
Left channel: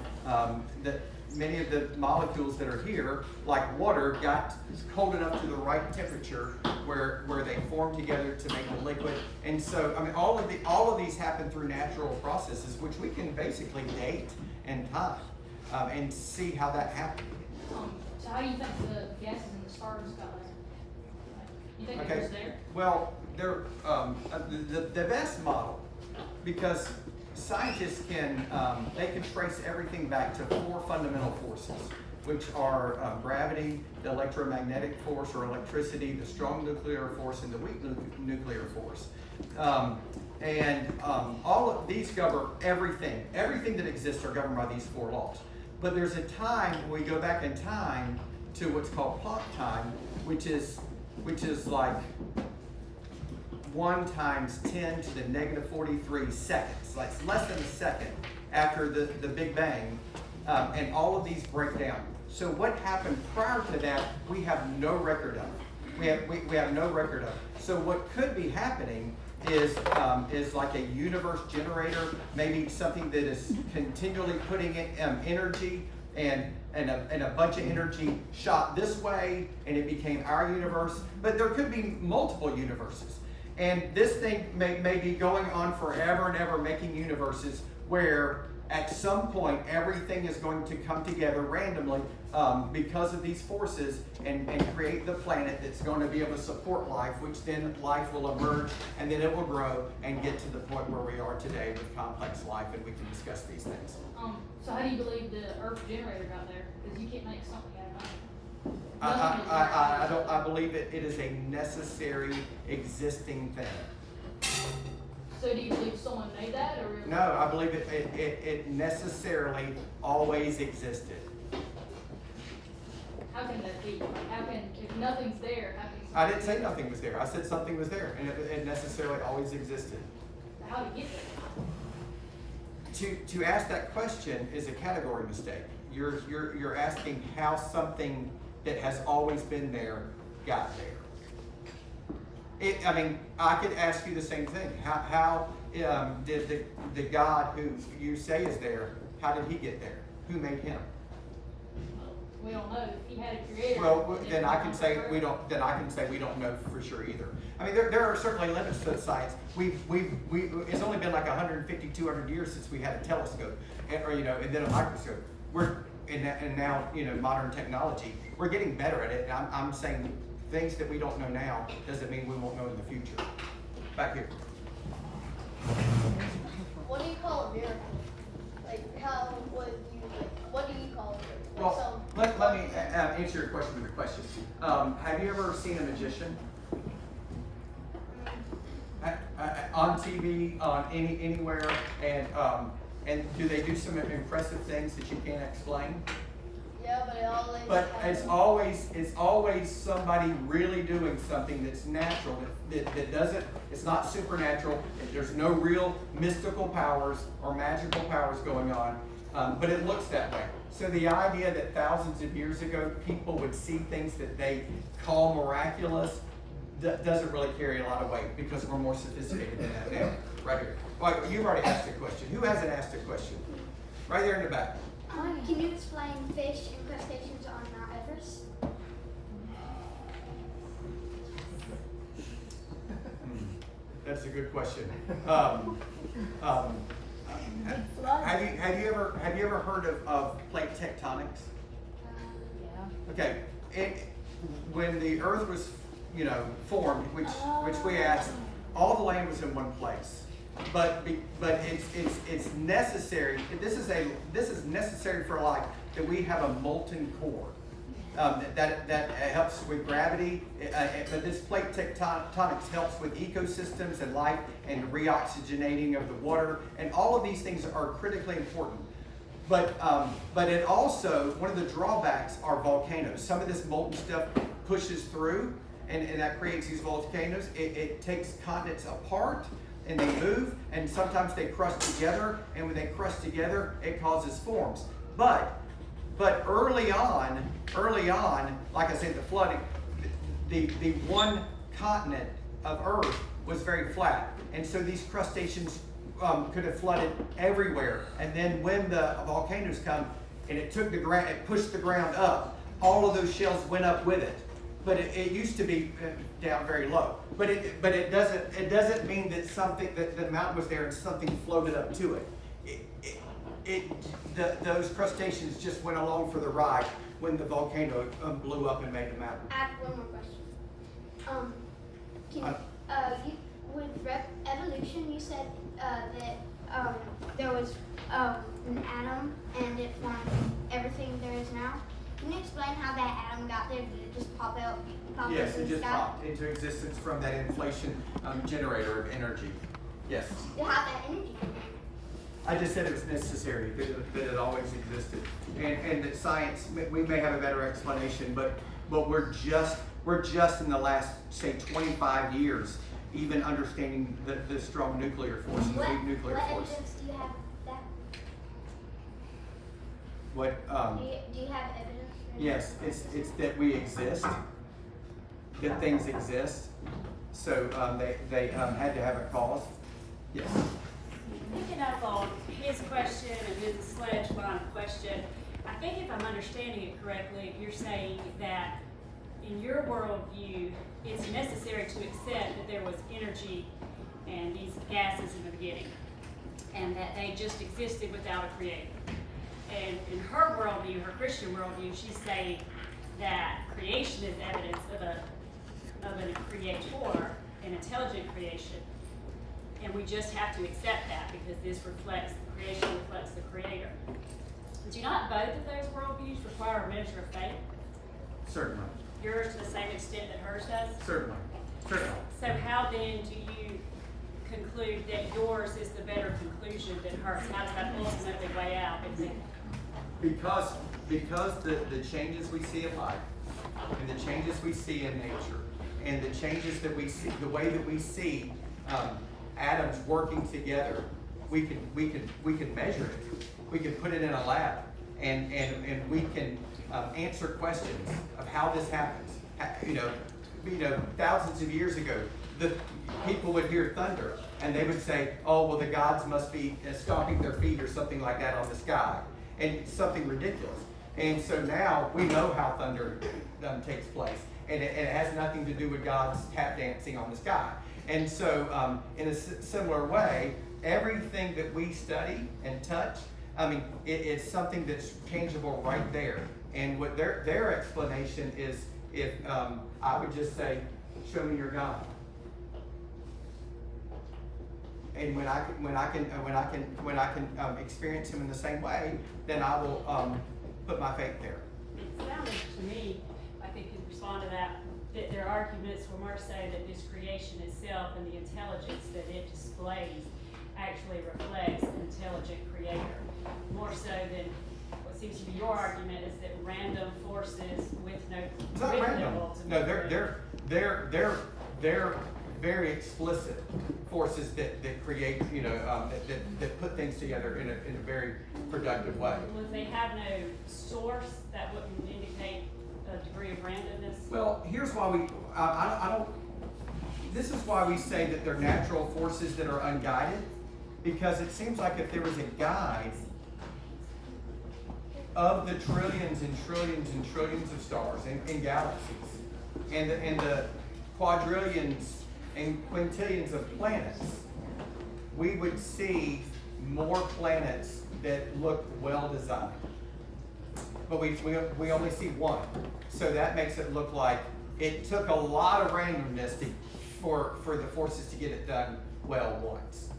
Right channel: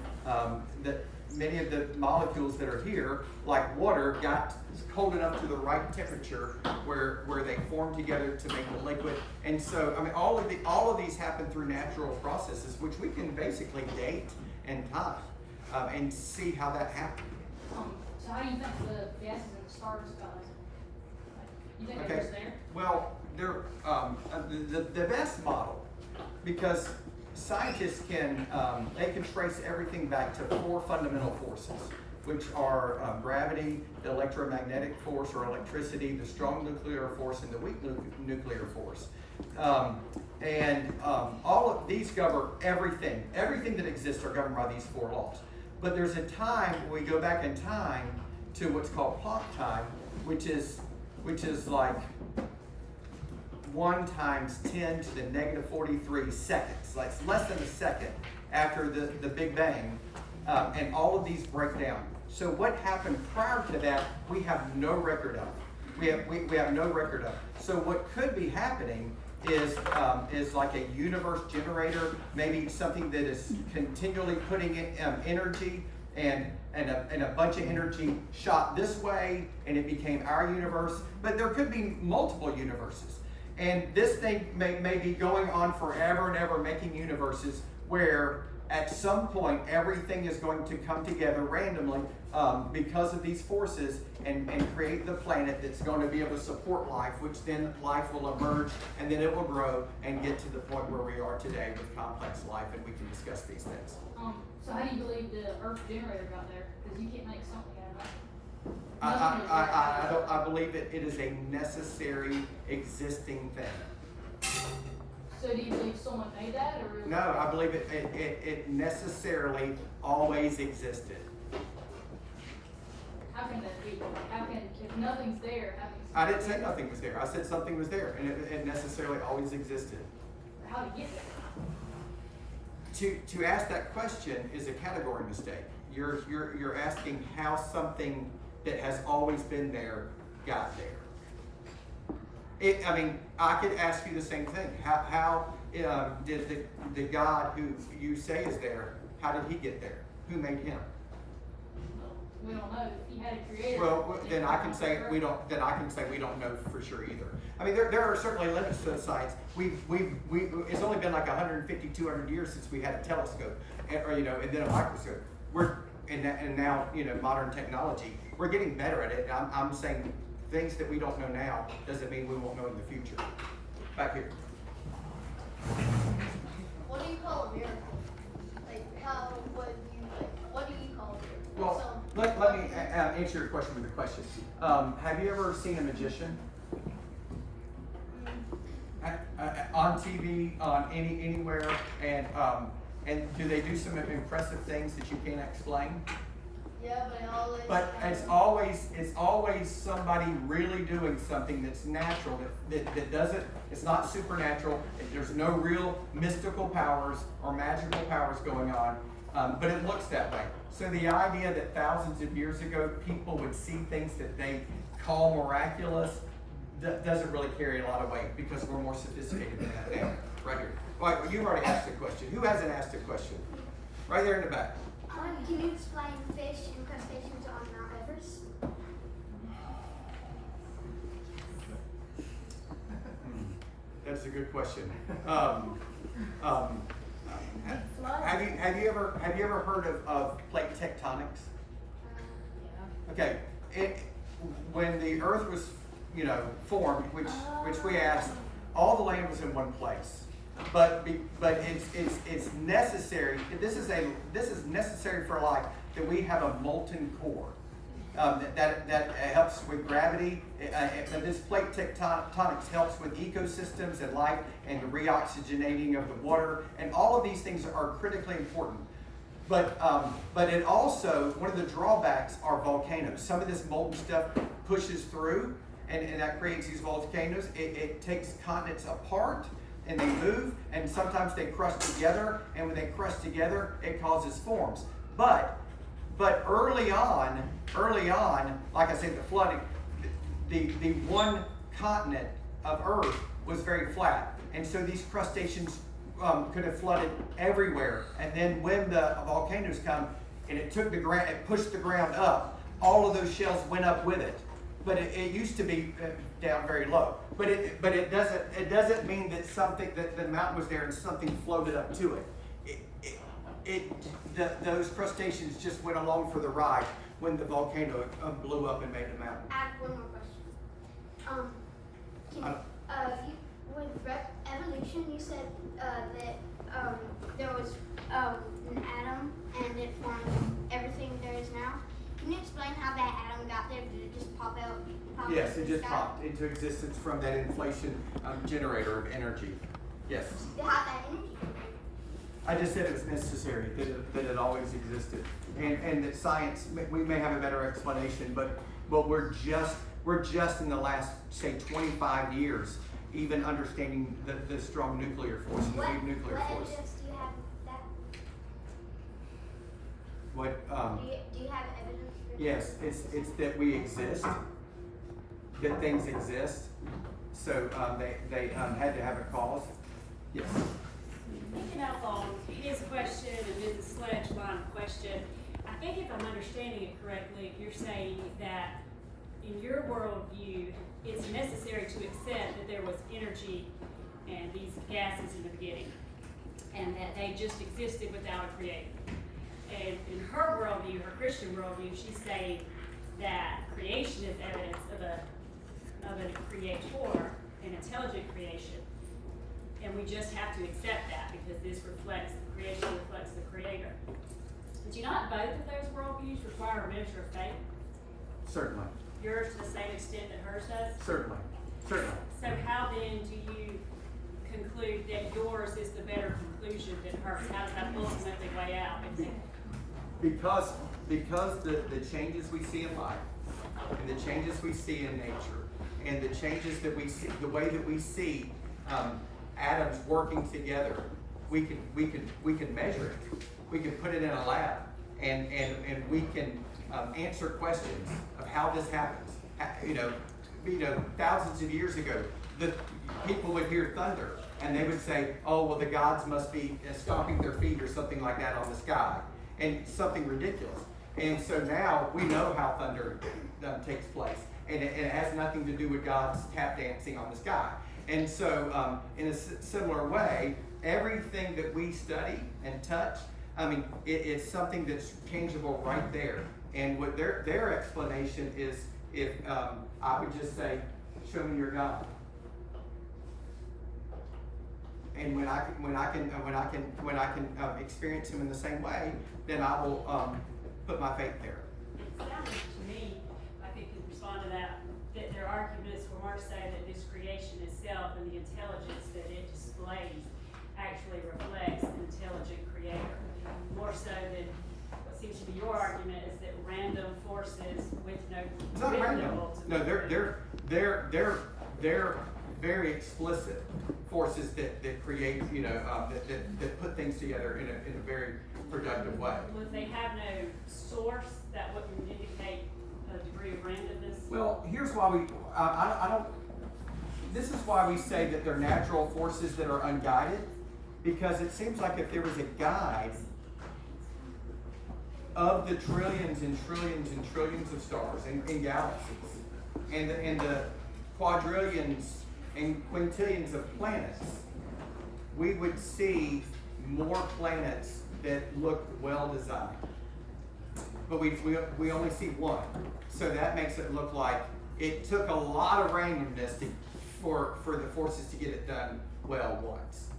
many of the molecules that are here, like water, got cold enough to the right temperature where they formed together to make a liquid. And so, I mean, all of these happen through natural processes, which we can basically date and time, and see how that happened. So how do you think the gases in the stars got there? Like, you think Okay. it was there? Well, they're the best model, because scientists can trace everything back to 4 fundamental forces, which are gravity, the electromagnetic force or electricity, the strong nuclear force, and the weak nuclear force. All of these govern everything. Everything that exists are governed by these 4 laws. But there's a time when we go back in time to what's called Planck time, which is like 1 times 10 to the negative 43 seconds. Like it's less than a second after the Big Bang, and all of these break down. So what happened prior to that, we have no record of. We have no record of. So what could be happening is like a universe generator, maybe something that is continually putting in energy and a bunch of energy shot this way, and it became our universe. But there could be multiple universes. And this thing may be going on forever and ever, making universes where at some point everything is going to come together randomly because of these forces and create the planet that's going to be able to support life, which then life will emerge, and then it will grow and get to the point where we are today with complex life, and we can discuss these things. So how do you believe the Earth generator got there? Because you can't make something out of nothing. I believe it is a necessary existing thing. So do you believe someone made that, or No, I believe it necessarily always existed. how can that be? How can, if nothing's there, how can I didn't say nothing was there. I said something was there, and it necessarily always existed. how to get there? To ask that question is a category mistake. You're asking how something that has always been there got there. I mean, I could ask you the same thing. How did the God who you say is there, how did he get there? Who made him? Well, we don't know. If he had a creator. Well, then I can say we don't. Then I can say we don't know for sure either. I mean, there are certainly limits to the science. It's only been like 150, 200 years since we had a telescope, and then a microscope. And now modern technology. We're getting better at it. And I'm saying things that we don't know now doesn't mean we won't know in the future. Back here. What do you call a miracle? Like, what do you call it? Well, let me answer your question with your question. Have you ever seen a magician? On TV, on anywhere, and do they do some impressive things that you can't explain? Yeah, but But it's always somebody really doing something that's natural, that doesn't, it's not supernatural. There's no real mystical powers or magical powers going on, but it looks that way. So the idea that thousands of years ago people would see things that they call miraculous doesn't really carry a lot of weight, because we're more sophisticated than that now. Right here. Well, you've already asked a question. Who hasn't asked a question? Right there in the back. Can you explain fish and crustaceans on rivers? That's a good question. Have you ever heard of plate tectonics? Okay, when the Earth was formed, which we asked, all the land was in one place, but it's necessary. This is necessary for life, that we have a molten core. That helps with gravity, but this plate tectonics helps with ecosystems and life and the reoxygenating of the water, and all of these things are critically important. But it also, one of the drawbacks are volcanoes. Some of this molten stuff pushes through, and that creates these volcanoes. It takes continents apart, and they move, and sometimes they crush together, and when they crush together, it causes forms. But early on, like I said, the flooding, the one continent of Earth was very flat, and so these crustaceans could have flooded everywhere. And then when the volcanoes come, and it took the ground, it pushed the ground up, all of those shells went up with it. But it used to be down very low. But it doesn't mean that the mountain was there and something floated up to it. Those crustaceans just went along for the ride when the volcano blew up and made the mountain. I have one more question. With evolution, you said that there was an atom and it formed everything there is now. Can you explain how that atom got there? Did it just pop out? Yes, it just popped into existence from that inflation generator of energy. Yes. How that energy came from? I just said it was necessary, that it always existed, and that science, we may have a better explanation, but we're just in the last, say, 25 years even understanding the strong nuclear force and the weak nuclear force. What evidence do you have of that? What? Do you have evidence for that? Yes, it's that we exist, that things exist, so they had to have a cause. Yes. Picking up on his question and Mrs. Sledge's line of question, I think if I'm understanding it correctly, you're saying that in your worldview, it's necessary to accept that there was energy and these gases in the beginning, and that they just existed without a creator. And in her worldview, her Christian worldview, she's saying that creation is evidence of a creator, an intelligent creation. And we just have to accept that because this reflects, the creation reflects the creator. Do not both of those worldviews require a measure of faith? Certainly. Yours to the same extent that hers does? Certainly. So how then do you conclude that yours is the better conclusion than hers? How does that ultimately weigh out? Because the changes we see in life, and the changes we see in nature, and the changes that we see, the way that we see atoms working together, we can measure it. We can put it in a lab, and we can answer questions of how this happens. You know, thousands of years ago, the people would hear thunder, and they would say, "Oh, well, the gods must be stomping their feet or something like that on the sky," and something ridiculous. And so now we know how thunder takes place, and it has nothing to do with gods tap dancing on the sky. And so, in a similar way, everything that we study and touch, I mean, it's something that's tangible right there. And what their explanation is, if I would just say, "Show me your God," and when I can experience Him in the same way, then I will put my faith there. It sounds to me, I think you respond to that there are arguments for Mark say that this creation itself and the intelligence that it displays actually reflects an intelligent creator. More so than what seems to be your argument is that random forces with no. It's not random. No, they're very explicit forces that create, that put things together in a very productive way. Well, if they have no source, that wouldn't indicate a degree of randomness. Well, here's why I don't. This is why we say that they're natural forces that are unguided, because it seems like if there was a guide of the trillions and trillions and trillions of stars and galaxies, and the quadrillions and quintillions of planets, we would see more planets that looked well designed. But we only see one, so that makes it look like it took a lot of randomness for the forces to get it done well once.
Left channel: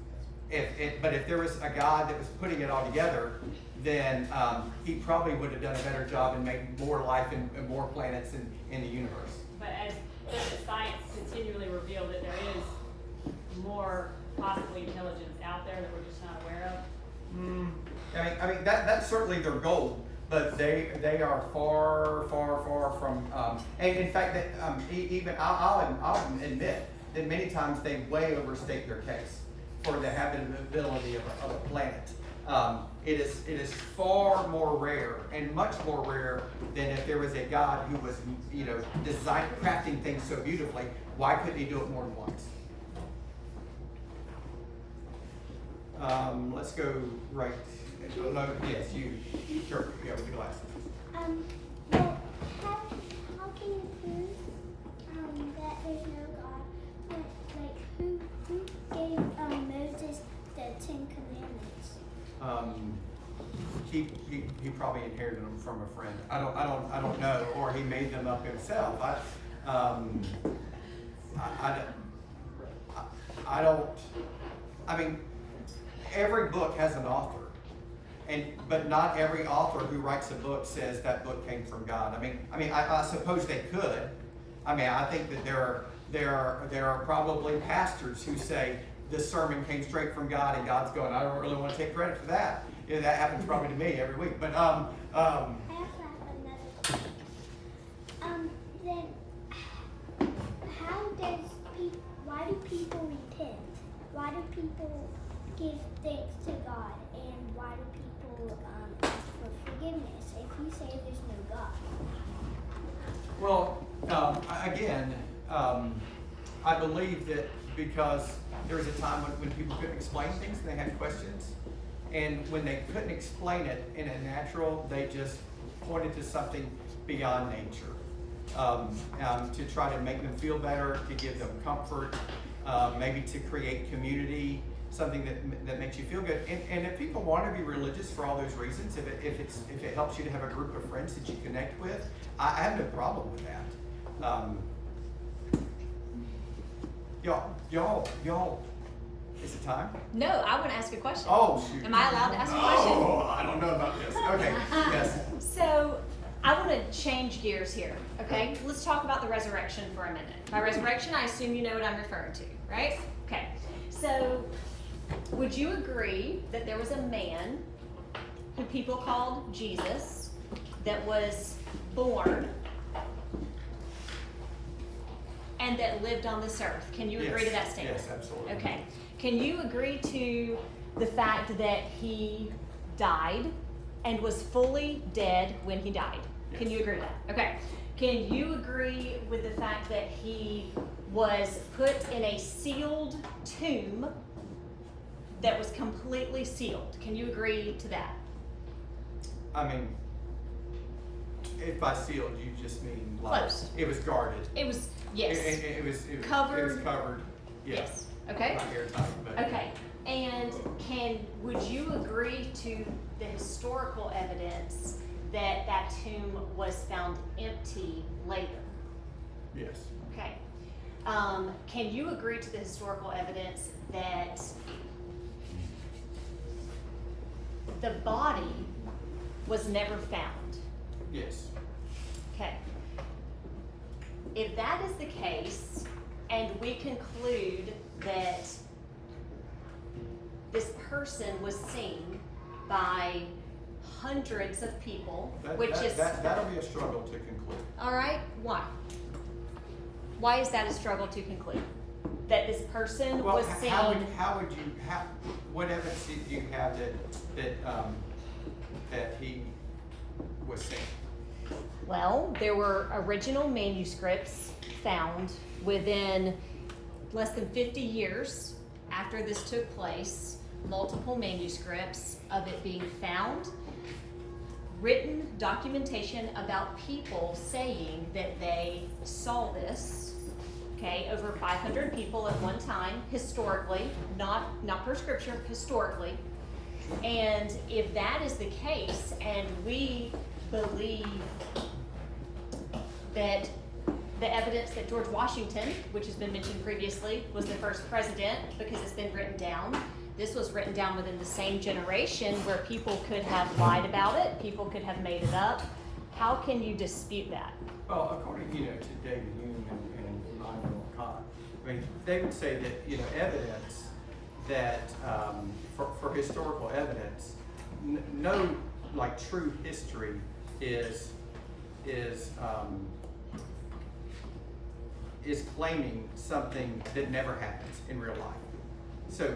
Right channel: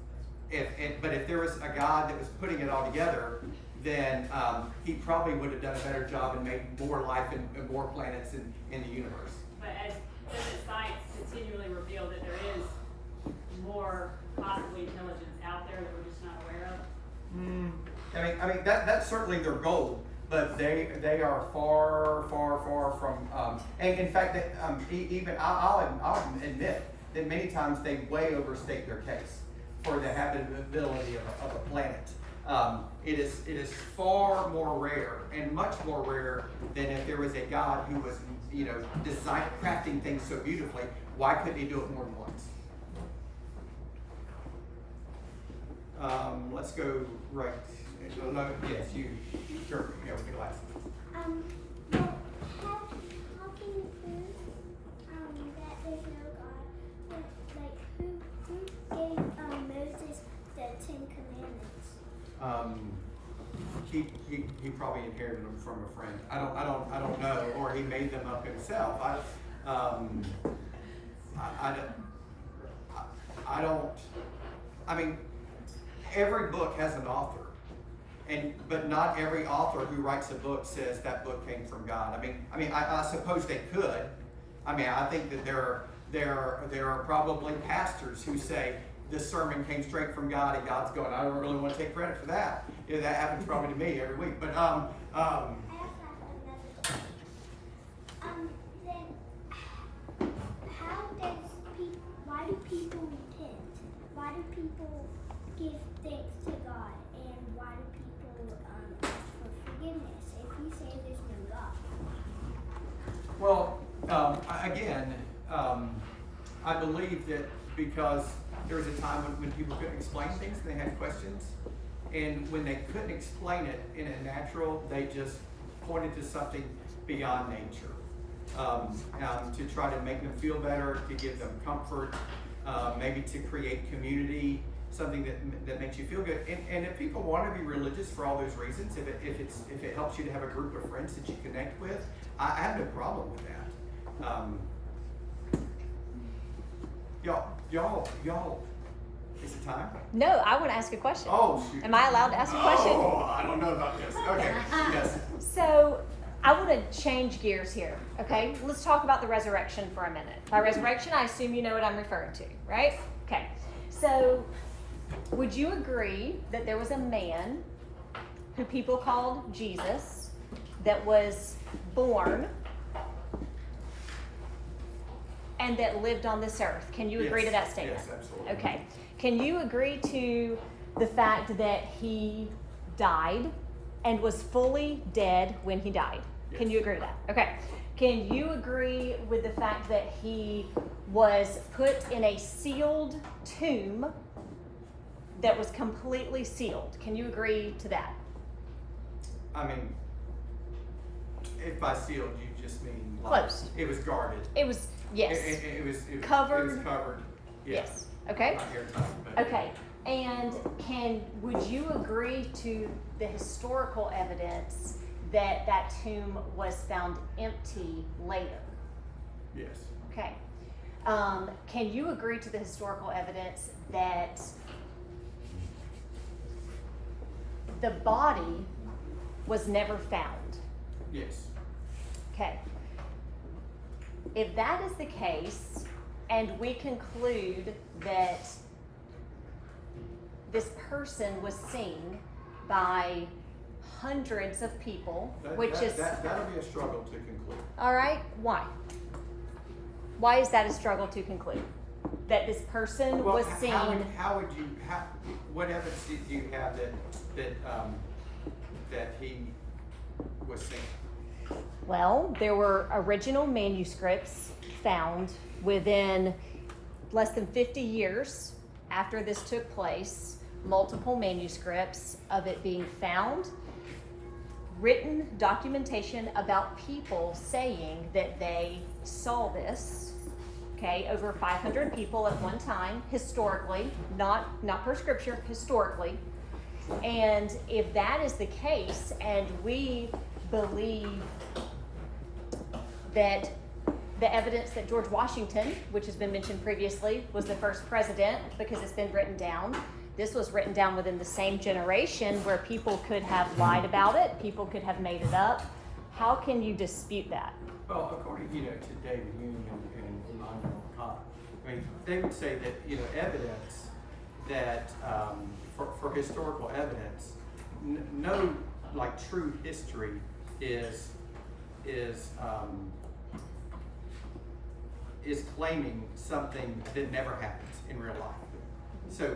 But if there was a God that was putting it all together, then he probably would have done a better job and made more life and more planets in the universe. But as doesn't science continually reveal that there is more possibly intelligence out there that we're just not aware of? I mean that's certainly their goal, but they are far from. And in fact, that even I'll admit that many times they way overstate their case for the habitability of a planet. It is far more rare and much more rare than if there was a God who was, crafting things so beautifully. Why couldn't he do it more than once? Let's go right. No, yes, you. Sure, yeah, with the glasses. Well, how can you prove that there's no God? Like, who gave Moses the 10 Commandments? He probably inherited them from a friend. I don't know, or he made them up himself. I mean, every book has an author, but not every author who writes a book says that book came from God. I suppose they could. I think that there are probably pastors who say this sermon came straight from God, and God's going, I don't really want to take credit for that. Yeah, that happens probably to me every week. But I also have another. Then why do people repent? Why do people give thanks to God? And why do people ask for forgiveness if you say there's no God? Well, again, I believe that because there was a time when people couldn't explain things and they had questions. And when they couldn't explain it in a natural, they just pointed to something beyond nature to try to make them feel better, to give them comfort, maybe to create community, something that makes you feel good. And if people want to be religious for all those reasons, if it helps you to have a group of friends that you connect with, I have no problem with that. Y'all, is it time? No, I want to ask a question. Oh, shoot. Am I allowed to ask a question? Oh, I don't know about this. Okay, yes. So, I want to change gears here, okay? Let's talk about the resurrection for a minute. By resurrection, I assume you know what I'm referring to, right? Okay. So, would you agree that there was a man who people called Jesus that was born and that lived on this earth? Can you agree to that statement? Yes, absolutely. Okay. Can you agree to the fact that he died and was fully dead when he died? Yes. Can you agree to that? Okay. Can you agree with the fact that he was put in a sealed tomb that was completely sealed? Can you agree to that? If by sealed, you just mean Closed. It was guarded. It was, yes. It was Covered. It was covered. Yes. Okay. Not airtight, but Okay. And would you agree to the historical evidence that that tomb was found empty later? yes. Okay. Can you agree to the historical evidence that the body was never found? Yes. Okay. If that is the case, and we conclude that this person was seen by hundreds of people, That'll be a struggle to conclude. all right, why? Why is that a struggle to conclude? That this person was seen. What evidence do you have that he was seen? Well, there were original manuscripts found within less than 50 years after this took place, multiple manuscripts of it being found, written documentation about people saying that they saw this, okay, over 500 people at one time, historically, not per scripture, historically. And if that is the case, and we believe that the evidence that George Washington, which has been mentioned previously, was the first president because it's been written down, This was written down within the same generation where people could have lied about it, people could have made it up. How can you dispute that? Well, according, to David Hume and Immanuel Kant, I mean, they would say that, evidence that, for historical evidence, no, like, true history is claiming something that never happens in real life. So,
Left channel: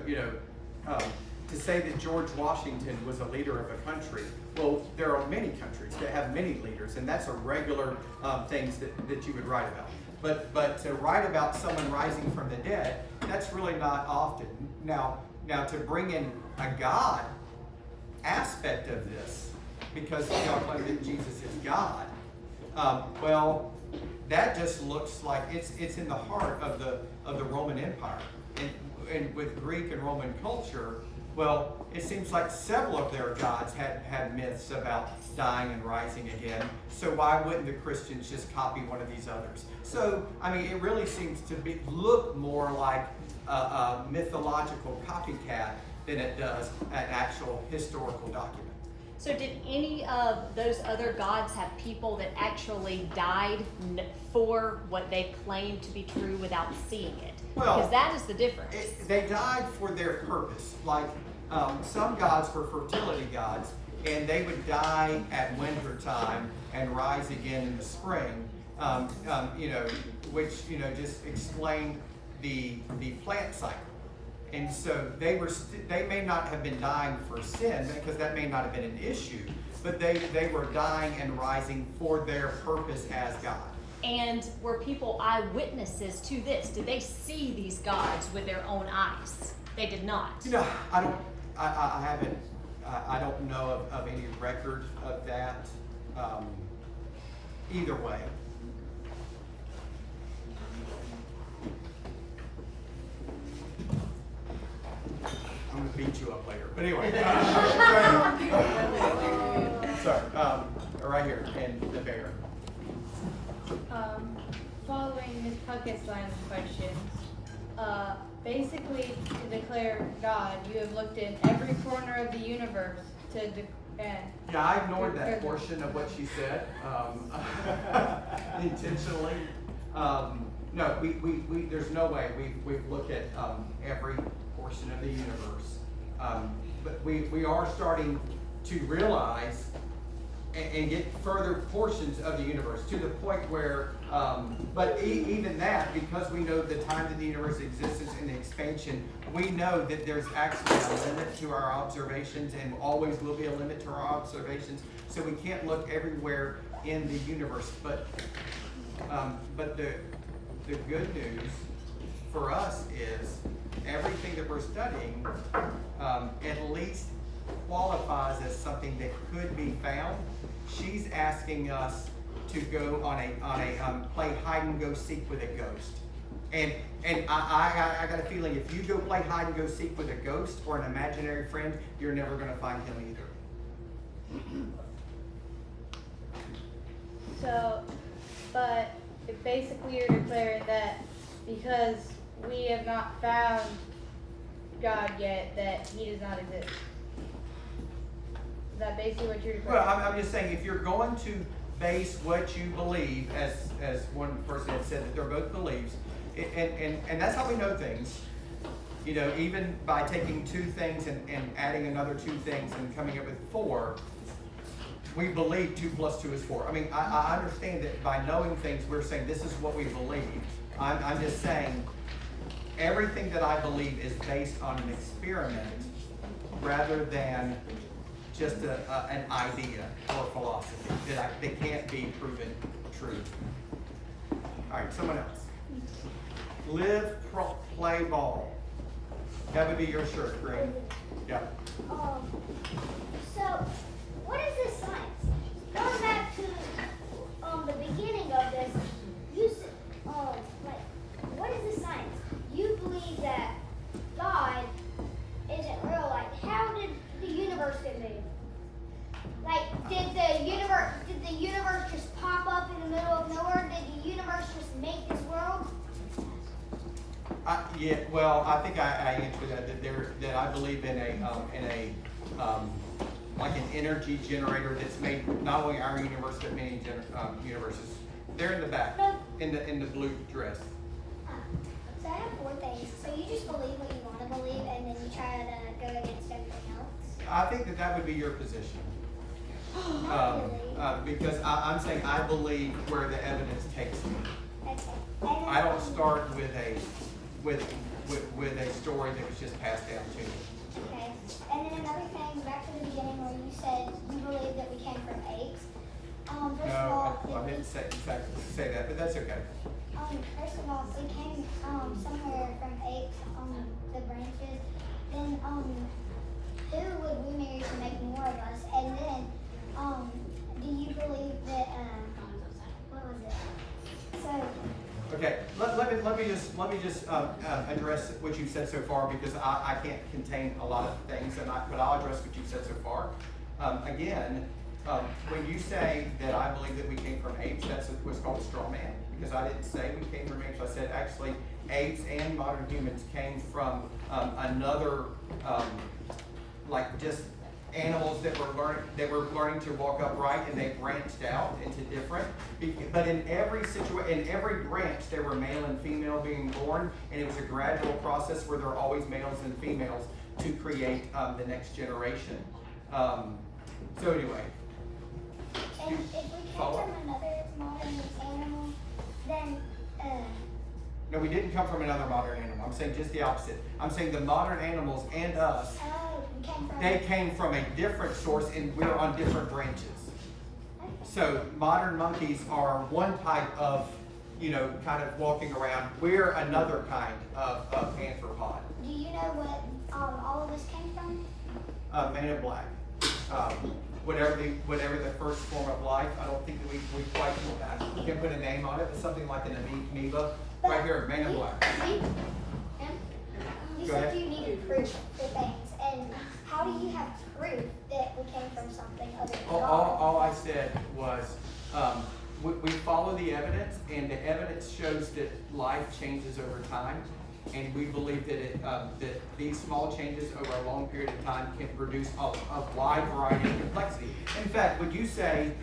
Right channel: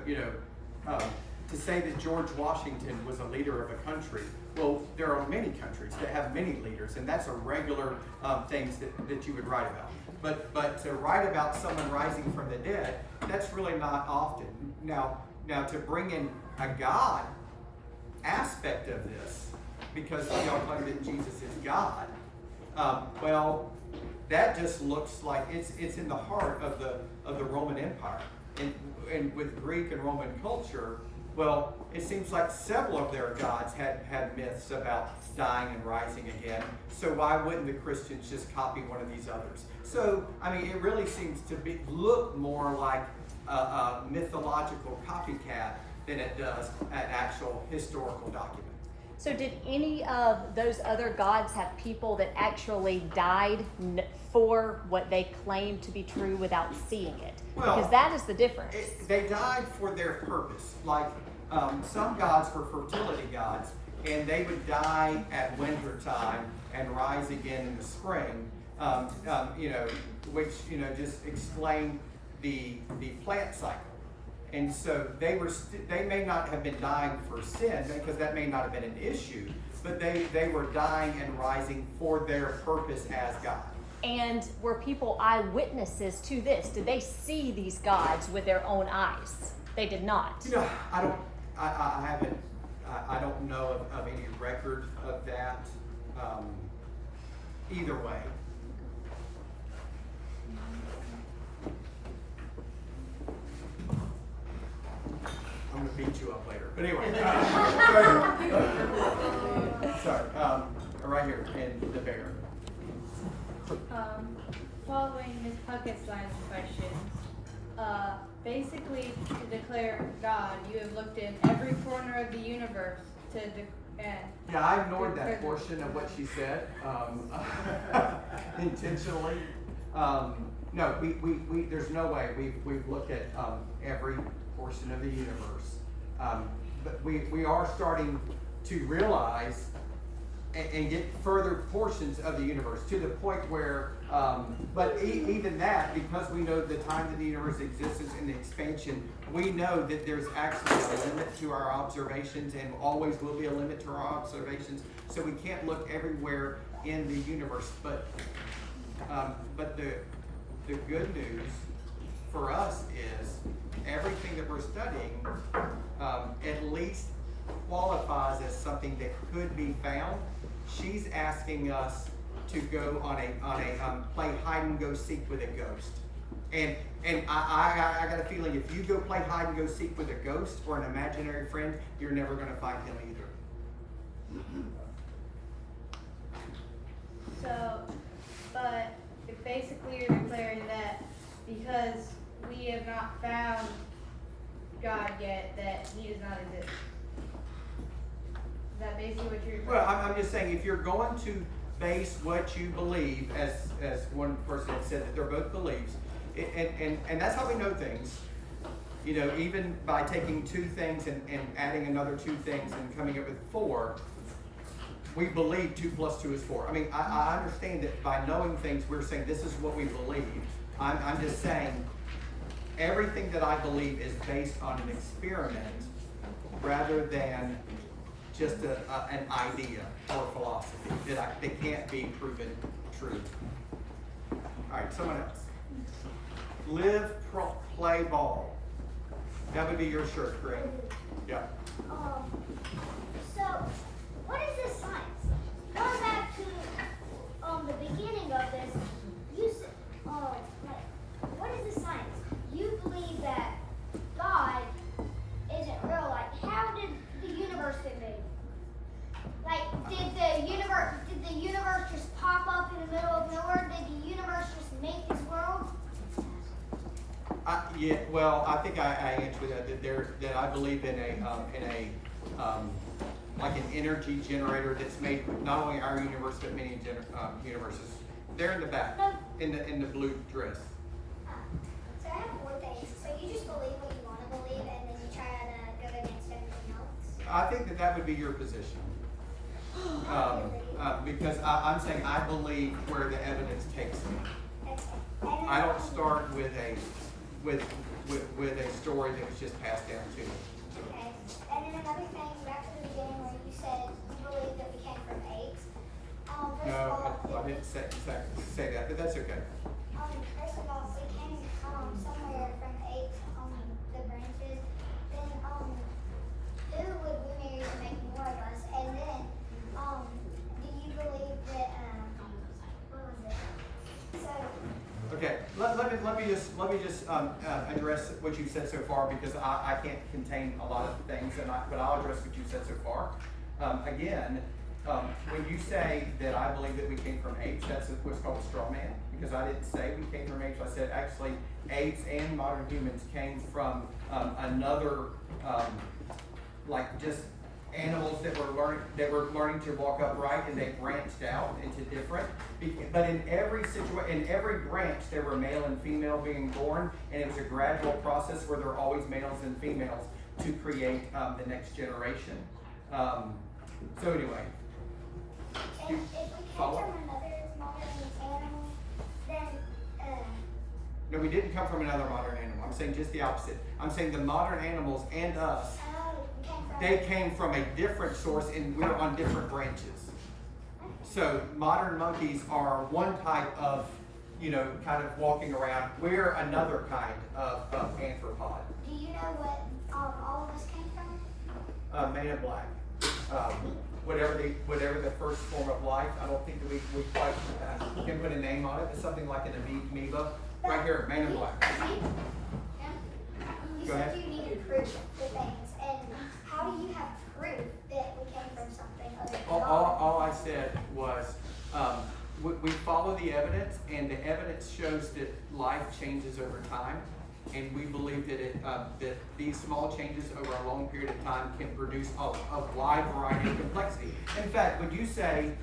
to say that George Washington was a leader of a country, well, there are many countries that have many leaders, and that's a regular things that you would write about. But to write about someone rising from the dead, that's really not often. Now to bring in a God aspect of this, because y'all claim that Jesus is God, well, that just looks like it's in the heart of the Roman Empire, and with Greek and Roman culture. Well, it seems like several of their gods had myths about dying and rising again. So why wouldn't the Christians just copy one of these others? So, I mean, it really seems to look more like a mythological copycat than it does an actual historical document. So did any of those other gods have people that actually died for what they claimed to be true without seeing it? Well, because that is the difference. They died for their purpose. Like, some gods were fertility gods, and they would die at winter time and rise again in the spring, which, just explained the plant cycle. And so they may not have been dying for sin, because that may not have been an issue, but they were dying and rising for their purpose as God. And were people eyewitnesses to this? Did they see these gods with their own eyes? They did not. I don't know of any record of that. Either way. I'm gonna beat you up later. But anyway, sorry. Right here in the bear. Following Ms. Puckett's line of questions, basically to declare God, you have looked in every corner of the universe to yeah, I ignored that portion of what she said intentionally. No, we there's no way we've looked at every portion of the universe, but we are starting to realize and get further portions of the universe to the point where, but even that, because we know the time that the universe exists and the expansion, we know that there's actually a limit to our observations, and always will be a limit to our observations. So we can't look everywhere in the universe. But the good news for us is everything that we're studying at least qualifies as something that could be found. She's asking us to go on a play hide and go seek with a ghost, and I got a feeling if you go play hide and go seek with a ghost or an imaginary friend, you're never going to find him either. So, but basically you're declaring that because we have not found God yet, that he does not exist. Is that basically what you're? Well, I'm just saying, if you're going to base what you believe, as one person had said, that they're both beliefs, and that's how we know things. Even by taking two things and adding another two things and coming up with 4, we believe 2 + 2 is 4. I mean, I understand that by knowing things, we're saying this is what we believe. I'm just saying everything that I believe is based on an experiment rather than just an idea or philosophy that can't be proven true. All right, someone else. Live, play ball. That would be your shirt, Green. Yeah. So, what is this science? Going back to the beginning of this, you said, what is this science? You believe that God isn't real. Like, how did the universe get made? Like, did the universe just pop up in the middle of nowhere? Did the universe just make this world? Yeah, well, I think I answered that I believe in like an energy generator that's made not only our universe but many universes. They're in the back, in the blue dress. So I have 4 things. So you just believe what you want to believe, and then you try to go against everything else? I think that would be your position. Because I'm saying I believe where the evidence takes me. Okay. I don't start with a story that was just passed down to me. Okay. And then another thing, back to the beginning where you said you believe that we came from apes. First of all, No, I didn't say exactly say that, but that's okay. First of all, we came somewhere from apes, the branches. Then who would we marry to make more of us? And then do you believe that what was it? So Okay, let me just address what you've said so far, because I can't contain a lot of things, but I'll address what you've said so far. Again, when you say that I believe that we came from apes, that's what's called a straw man, because I didn't say we came from apes. I said actually apes and modern humans came from another, like just animals that were learning to walk upright, and they branched out into different. But in every situation, in every branch, there were male and female being born, and it was a gradual process where there are always males and females to create the next generation. So anyway, and if we came follow? from another modern animal, then No, we didn't come from another modern animal. I'm saying just the opposite. I'm saying the modern animals and us, they came from a different source, and we're on different branches. So modern monkeys are one type of, kind of walking around. We're another kind of anthropod. do you know what all of us came from? Man in Black. Whatever the first form of life. I don't think that we quite can put a name on it, but something like an amoeba. Right here, Man in Black. You Go said ahead. you needed proof for things, and how do you have proof that we came from something other than God? All I said was we follow the evidence, and the evidence shows that life changes over time, and we believe that that these small changes over a long period of time can produce a wide variety of complexity. In fact, would you say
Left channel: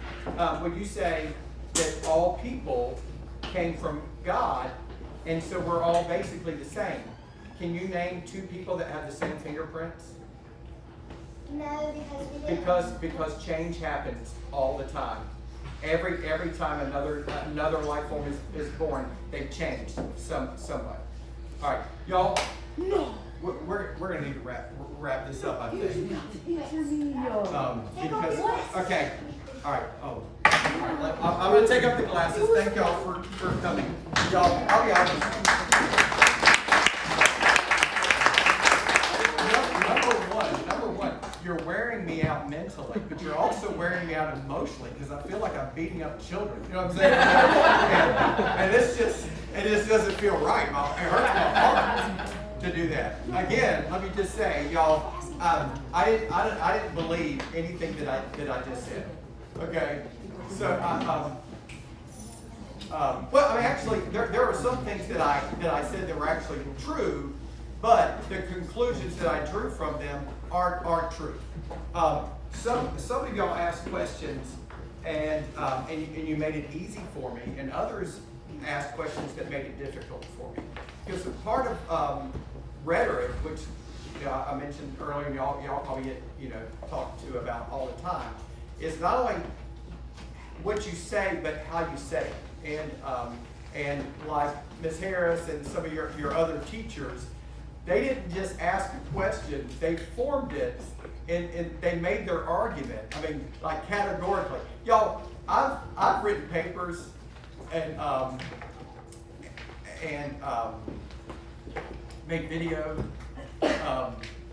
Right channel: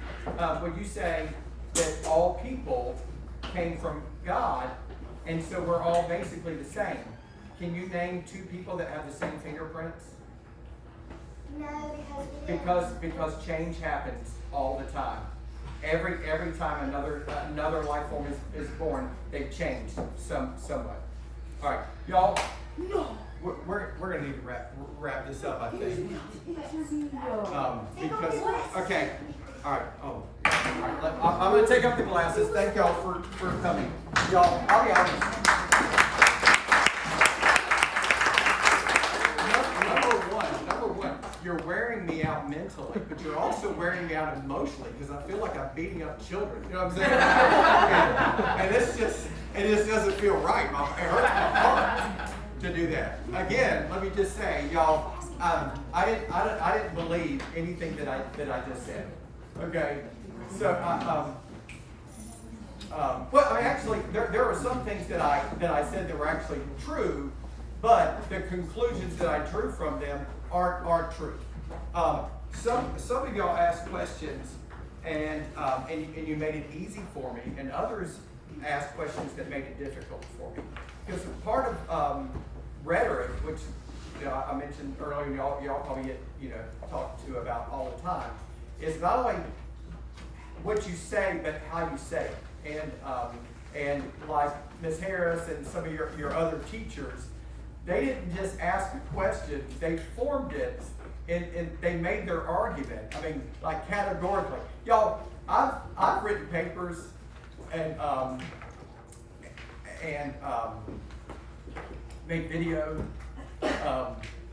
that all people came from God, and so we're all basically the same? Can you name 2 people that have the same fingerprints? No, because we didn't. Because change happens all the time. Every time another life form is born, they've changed somewhat. All right, y'all. No. We're gonna need to wrap this up, I think. Because okay. All right. Oh. All right. I'm gonna take up the glasses. Thank y'all for coming. Y'all. I'll be honest. Number one, you're wearing me out mentally, but you're also wearing me out emotionally, because I feel like I'm beating up children. You know what I'm saying? and it just doesn't feel right. It hurts my heart to do that. Again, let me just say, y'all, I didn't believe anything that I just said. Okay, so well, I mean, actually, there are some things that I said that were actually true, but the conclusions that I drew from them aren't true. Some of y'all asked questions, and you made it easy for me, and others asked questions that made it difficult for me. Because part of rhetoric, which I mentioned earlier, and y'all probably get talked to about all the time, is not only what you say, but how you say it. And like Ms. Harris and some of your other teachers, they didn't just ask a question, they formed it, and they made their argument. I mean, like categorically. Y'all, I've written papers and made video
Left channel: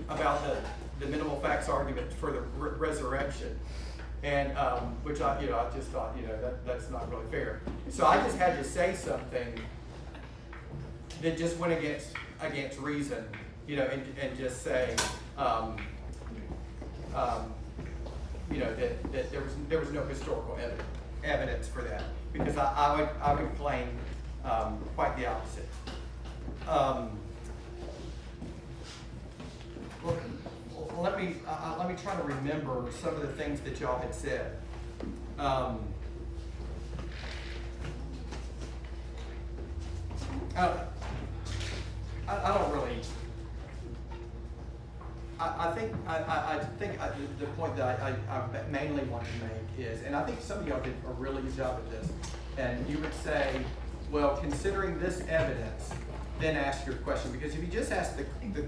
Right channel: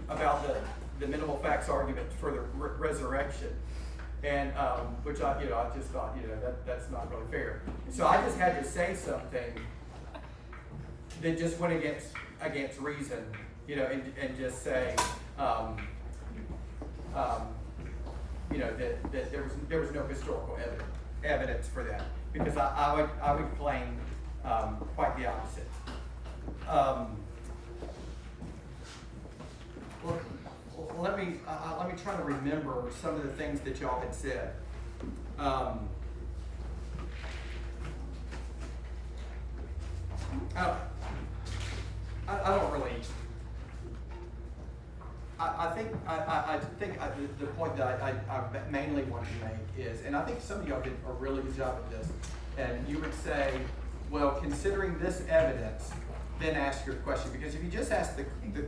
about the minimal facts argument for the resurrection, and which I just thought that's not really fair. So I just had to say something that just went against reason, and just say that there was no historical evidence for that, because I would claim quite the opposite. trying to remember some of the things that y'all had said. I don't really. I think the point that I mainly want to make is, and I think some of y'all did a really good job at this, and you would say, well, considering this evidence, then ask your question. Because if you just ask the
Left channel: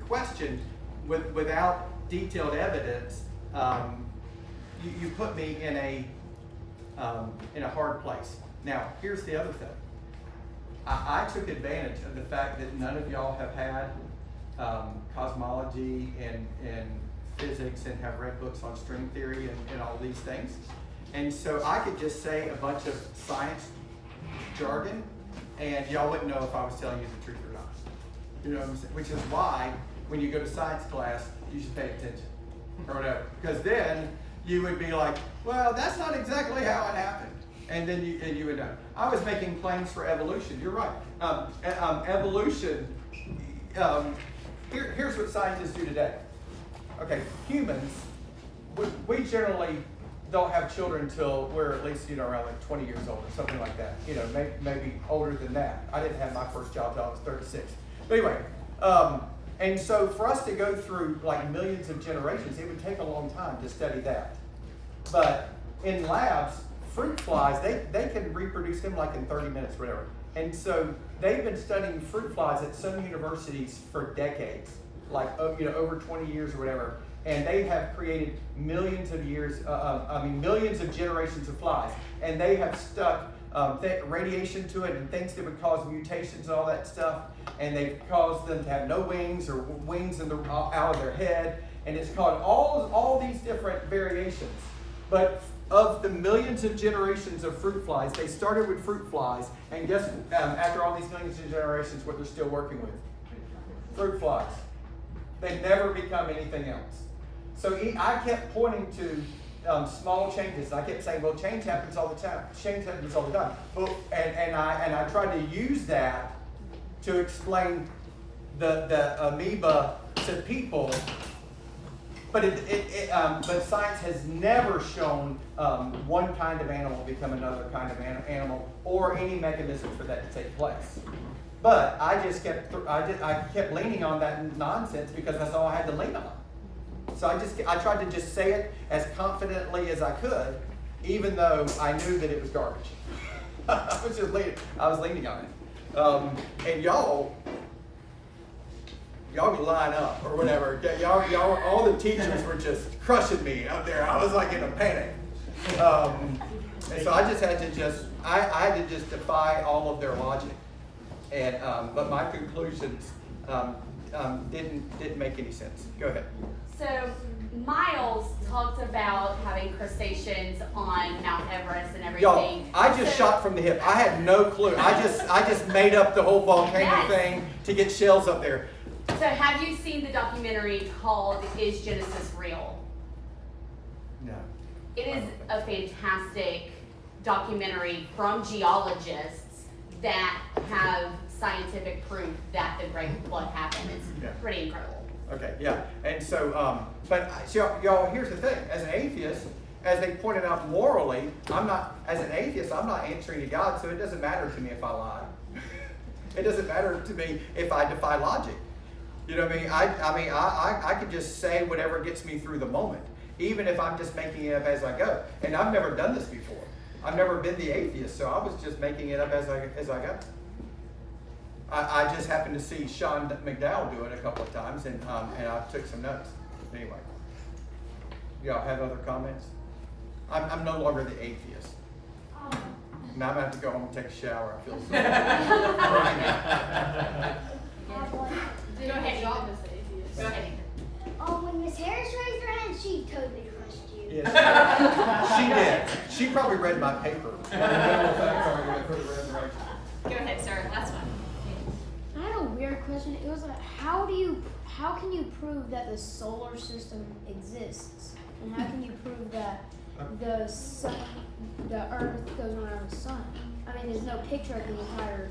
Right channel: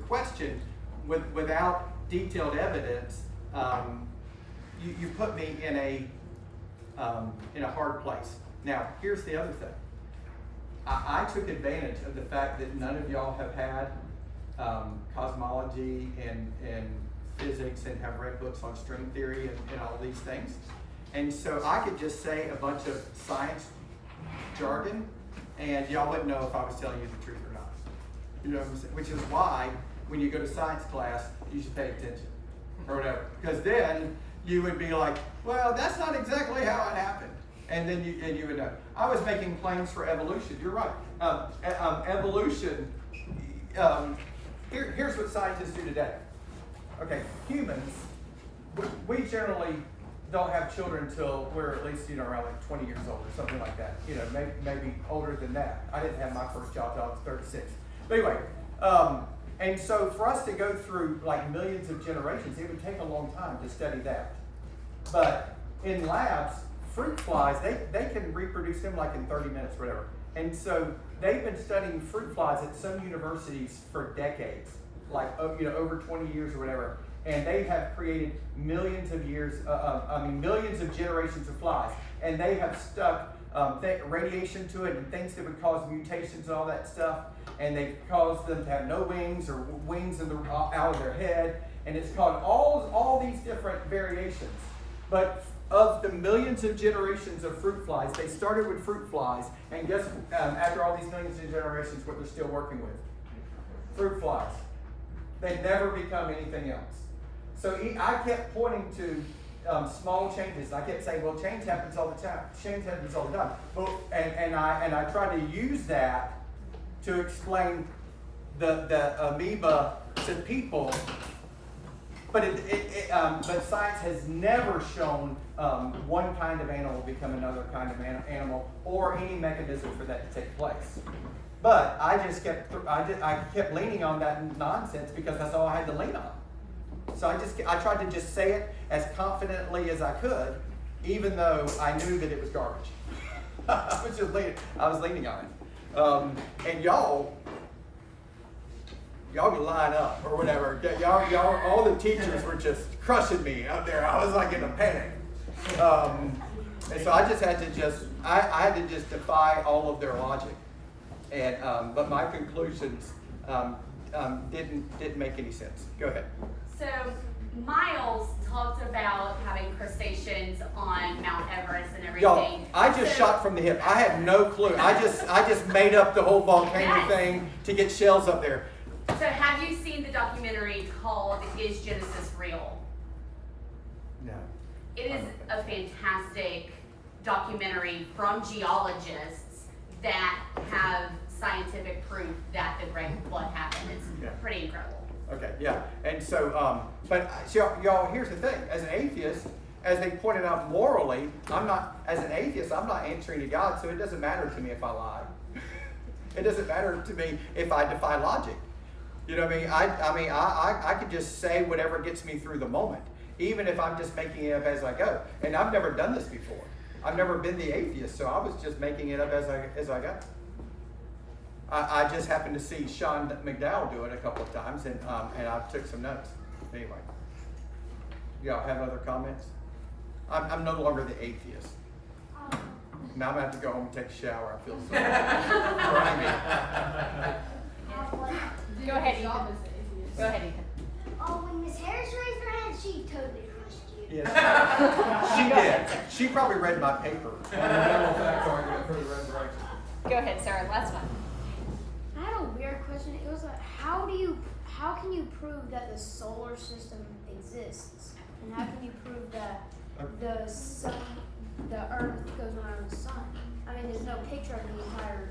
question without detailed evidence, you put me in a hard place. Now, here's the other thing. I took advantage of the fact that none of y'all have had cosmology and physics and have read books on string theory and all these things. And so I could just say a bunch of science jargon and y'all wouldn't know if I was telling you the truth or not. You know what I'm saying? Which is why when you go to science class, you should pay attention or whatever. Because then you would be like, well, that's not exactly how it happened. And then you would know. I was making claims for evolution. You're right. Evolution, here's what scientists do today. Okay, humans, we generally don't have children until we're at least, around like 20 years old or something like that. Maybe older than that. I didn't have my first child till I was 36. But anyway, and so for us to go through like millions of generations, it would take a long time to study that. But in labs, fruit flies, they can reproduce them like in 30 minutes, whatever. And so they've been studying fruit flies at some universities for decades, like over 20 years or whatever. And they have created millions of generations of flies. And they have stuck radiation to it and things that would cause mutations and all that stuff. And they've caused them to have no wings or wings out of their head. And it's called all these different variations. But of the millions of generations of fruit flies, they started with fruit flies, and guess after all these millions of generations, what they're still working with? Fruit flies. They never become anything else. So I kept pointing to small changes. I kept saying, well, change happens all the time. Change happens all the time. But, and I tried to use that to explain the amoeba to people. But but science has never shown one kind of animal become another kind of animal, or any mechanism for that to take place. But I kept leaning on that nonsense because that's all I had to lean on. So I tried to just say it as confidently as I could, even though I knew that it was garbage. I was leaning on it, and y'all could line up or whatever. Y'all, all the teachers were just crushing me out there. I was like in a panic. And so I just had to I had to just defy all of their logic. And, but my conclusions didn't make any sense. Go ahead. So Miles talked about having crustaceans on Mount Everest and everything. Y'all, I just shot from the hip. I had no clue. I just made up the whole volcano thing to get shells up there. So have you seen the documentary called Is Genesis Real? No. It is a fantastic documentary from geologists that have scientific proof that the Great Flood happened. It's pretty incredible. Okay, yeah. And so, but y'all, here's the thing. As an atheist, as they pointed out morally, I'm not answering to God, so it doesn't matter to me if I lie. It doesn't matter to me if I defy logic. You know what I mean? I could just say whatever gets me through the moment, even if I'm just making it up as I go. And I've never done this before. I've never been the atheist, so I was just making it up as I go. I just happened to see Sean McDowell do it a couple of times, and I took some notes. Anyway, y'all have other comments? I'm no longer the atheist. Now I'm gonna have to go home and take a shower. I feel so grimy. Go ahead, Ethan. Go ahead, Ethan. When Miss Harris raised her hand, she totally crushed you. Yes. She did. She probably read my paper on the minimal fact argument for the resurrection. Go ahead, Sarah. Last one. I had a weird question. It was like, how can you prove that the solar system exists? And how can you prove that the Earth goes around the sun? I mean, there's no picture of the entire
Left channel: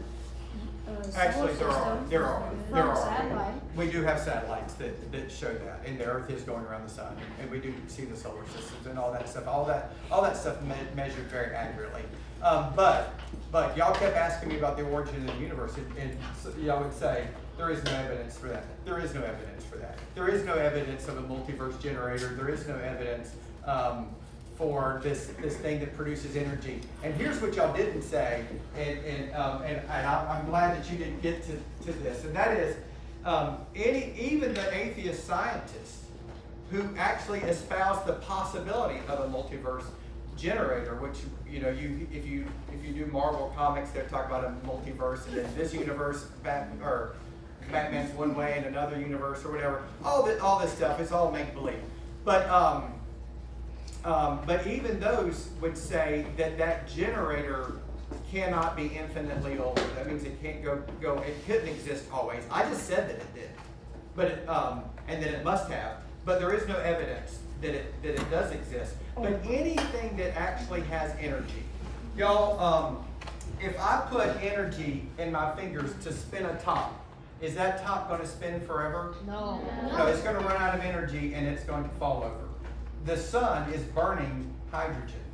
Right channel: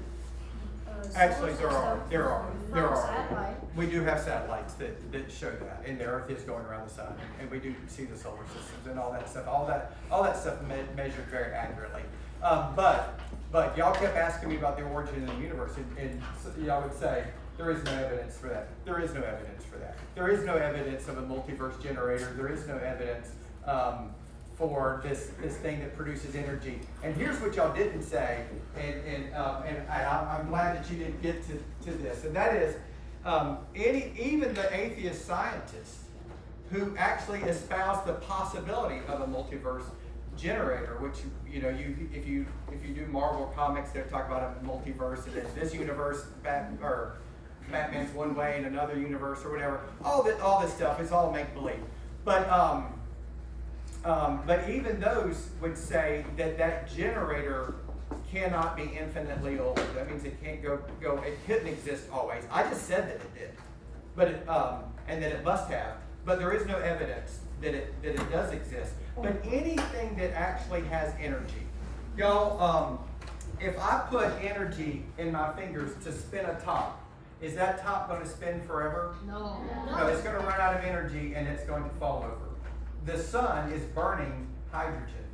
Actually, there are. satellite. we do have satellites that show that, and the Earth is going around the sun, and we do see the solar systems and all that stuff. All that stuff measured very accurately. But y'all kept asking me about the origin of the universe, and so y'all would say there is no evidence for that. There is no evidence for that. There is no evidence of a multiverse generator. There is no evidence for this thing that produces energy. And here's what y'all didn't say, and I'm glad that you didn't get to this, and that is even the atheist scientists who actually espouse the possibility of a multiverse generator, which if you do Marvel comics, they talk about a multiverse, and then this universe Batman's one way and another universe or whatever. All this stuff is all make believe. But even those would say that generator cannot be infinitely old. That means it can't go. It couldn't exist always. I just said that it did, but and that it must have. But there is no evidence that it does exist. But anything that actually has energy, y'all. If I put energy in my fingers to spin a top, is that top going to spin forever? No. No, it's going to run out of energy and it's going to fall over. The sun is burning hydrogen,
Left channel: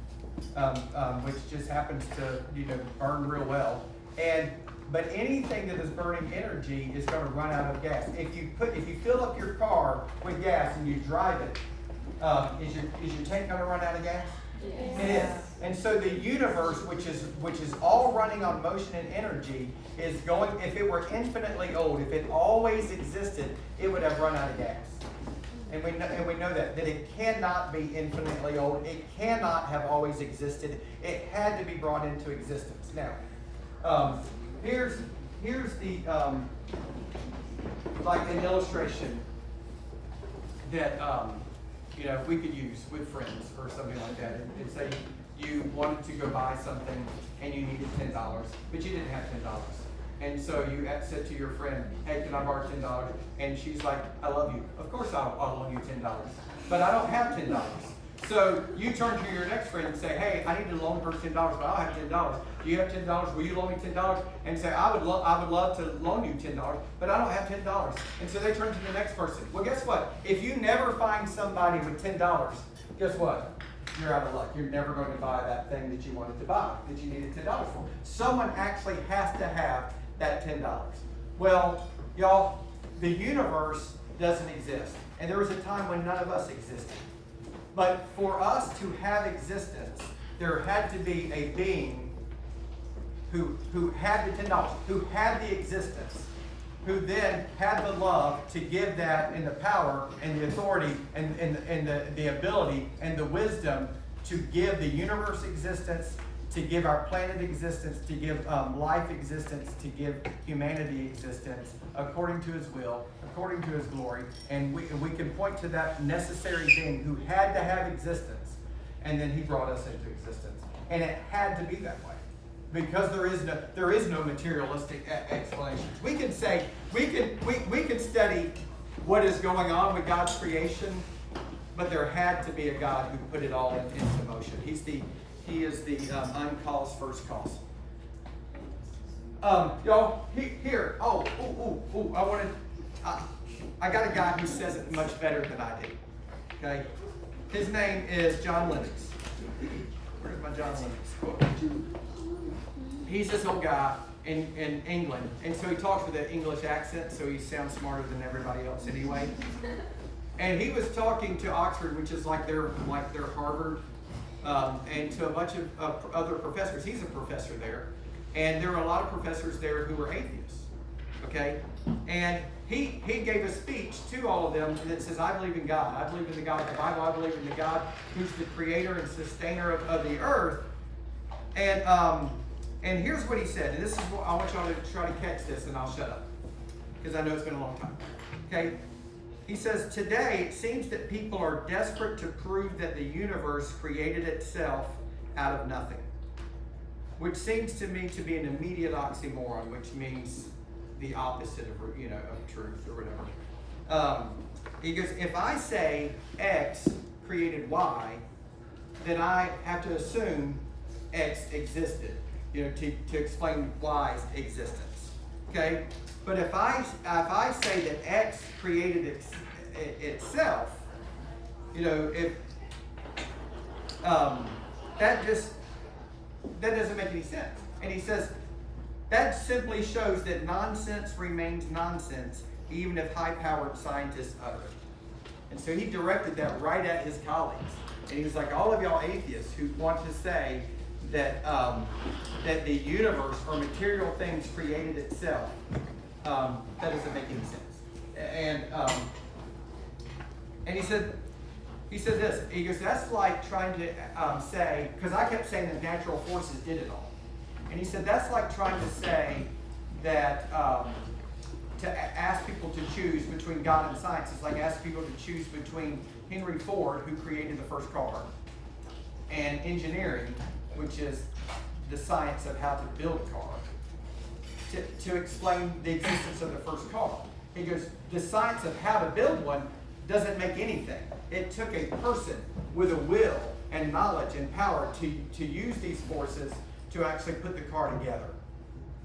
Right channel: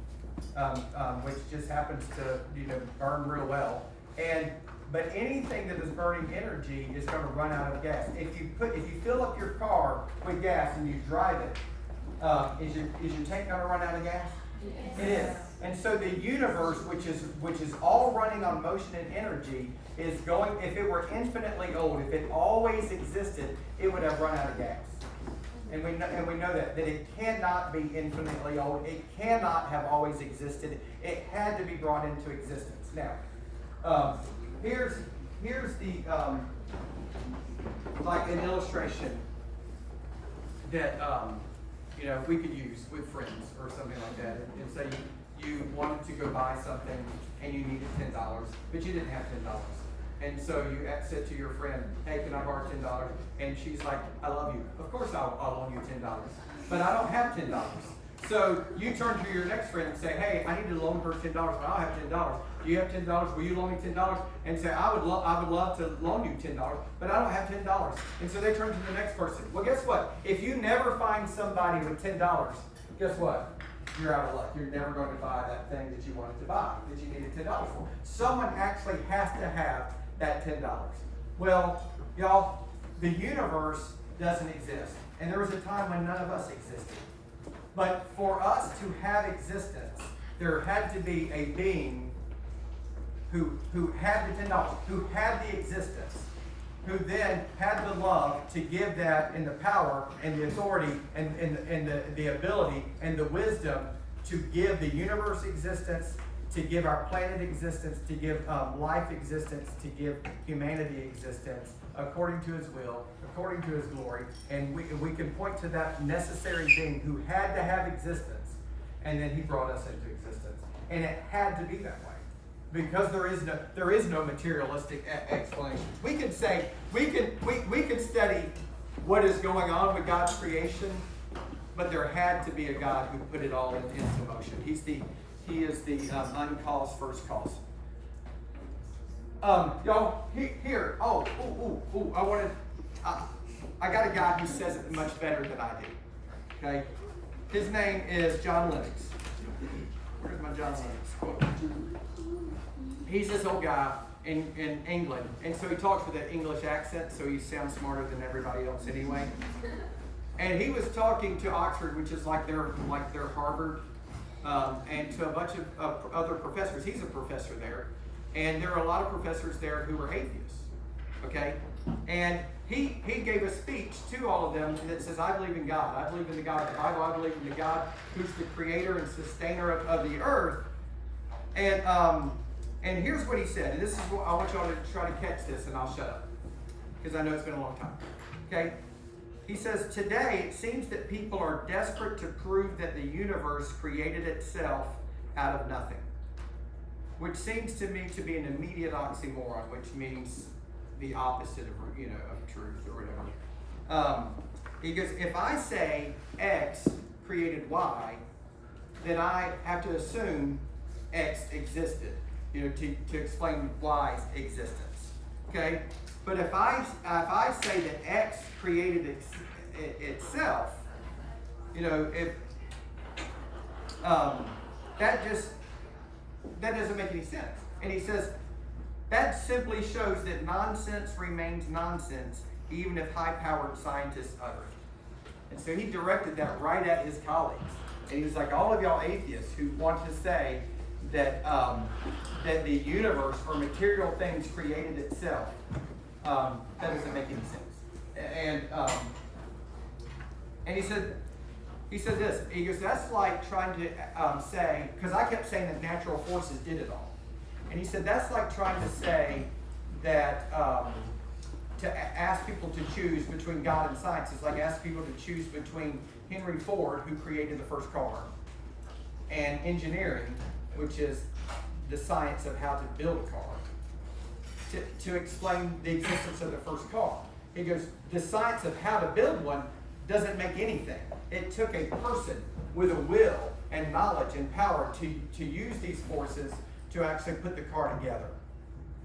which just happens to burn real well. But anything that is burning energy is going to run out of gas. If you fill up your car with gas and you drive it, is your tank going to run out of gas? Yes. It is. And so the universe, which is all running on motion and energy, is going. If it were infinitely old, if it always existed, it would have run out of gas. And we know that it cannot be infinitely old. It cannot have always existed. It had to be brought into existence. Now, here's the like an illustration that we could use with friends or something like that. And say you wanted to go buy something and you needed $10, but you didn't have $10. And so you said to your friend, hey, can I borrow $10? And she's like, I love you. Of course I'll loan you $10. But I don't have $10. So you turn to your next friend and say, hey, I need to loan her $10, but I don't have $10. Do you have $10? Will you loan me $10? And say, I would love to loan you $10, but I don't have $10. And so they turn to the next person. Well, guess what? If you never find somebody with $10, guess what? You're out of luck. You're never going to buy that thing that you wanted to buy, that you needed $10 for. Someone actually has to have that $10. Well, y'all, the universe doesn't exist. And there was a time when none of us existed. But for us to have existence, there had to be a being who had the $10, who had the existence, who then had the love to give that and the power and the authority and the ability and the wisdom to give the universe existence, to give our planet existence, to give life existence, to give humanity existence according to his will, according to his glory. And we can point to that necessary being who had to have existence, and then he brought us into existence. And it had to be that way, because there is no materialistic explanations. We can say, we can study what is going on with God's creation, but there had to be a God who put it all into motion. He is the uncaused first cause. Y'all, here. I got a guy who says it much better than I do. Okay, his name is John Lennox. Where's my John Lennox quote? He's this old guy in England, and so he talks with an English accent, so he sounds smarter than everybody else anyway. And he was talking to Oxford, which is like their Harvard, and to a bunch of other professors. He's a professor there, and there are a lot of professors there who are atheists. Okay, and he gave a speech to all of them that says, I believe in God. I believe in the God of the Bible. I believe in the God who's the creator and sustainer of the earth. And here's what he said, and this is what I want y'all to try to catch this, and I'll shut up, because I know it's been a long time. Okay? He says, today it seems that people are desperate to prove that the universe created itself out of nothing, which seems to me to be an immediate oxymoron, which means the opposite of truth or whatever. He goes, if I say X created Y, then I have to assume X existed, to explain Y's existence. Okay? But if I say that X created itself, you know, if that doesn't make any sense. And he says that simply shows that nonsense remains nonsense, even if high-powered scientists utter it. And so he directed that right at his colleagues. And he was like, all of y'all atheists who want to say that that the universe or material things created itself, that doesn't make any sense. And he said this. He goes, that's like trying to say, because I kept saying that natural forces did it all. And he said that's like trying to say that to ask people to choose between God and science is like asking people to choose between Henry Ford, who created the first car, and engineering, which is the science of how to build a car, to explain the existence of the first car. He goes, the science of how to build one doesn't make anything. It took a person with a will and knowledge and power to use these forces to actually put the car together.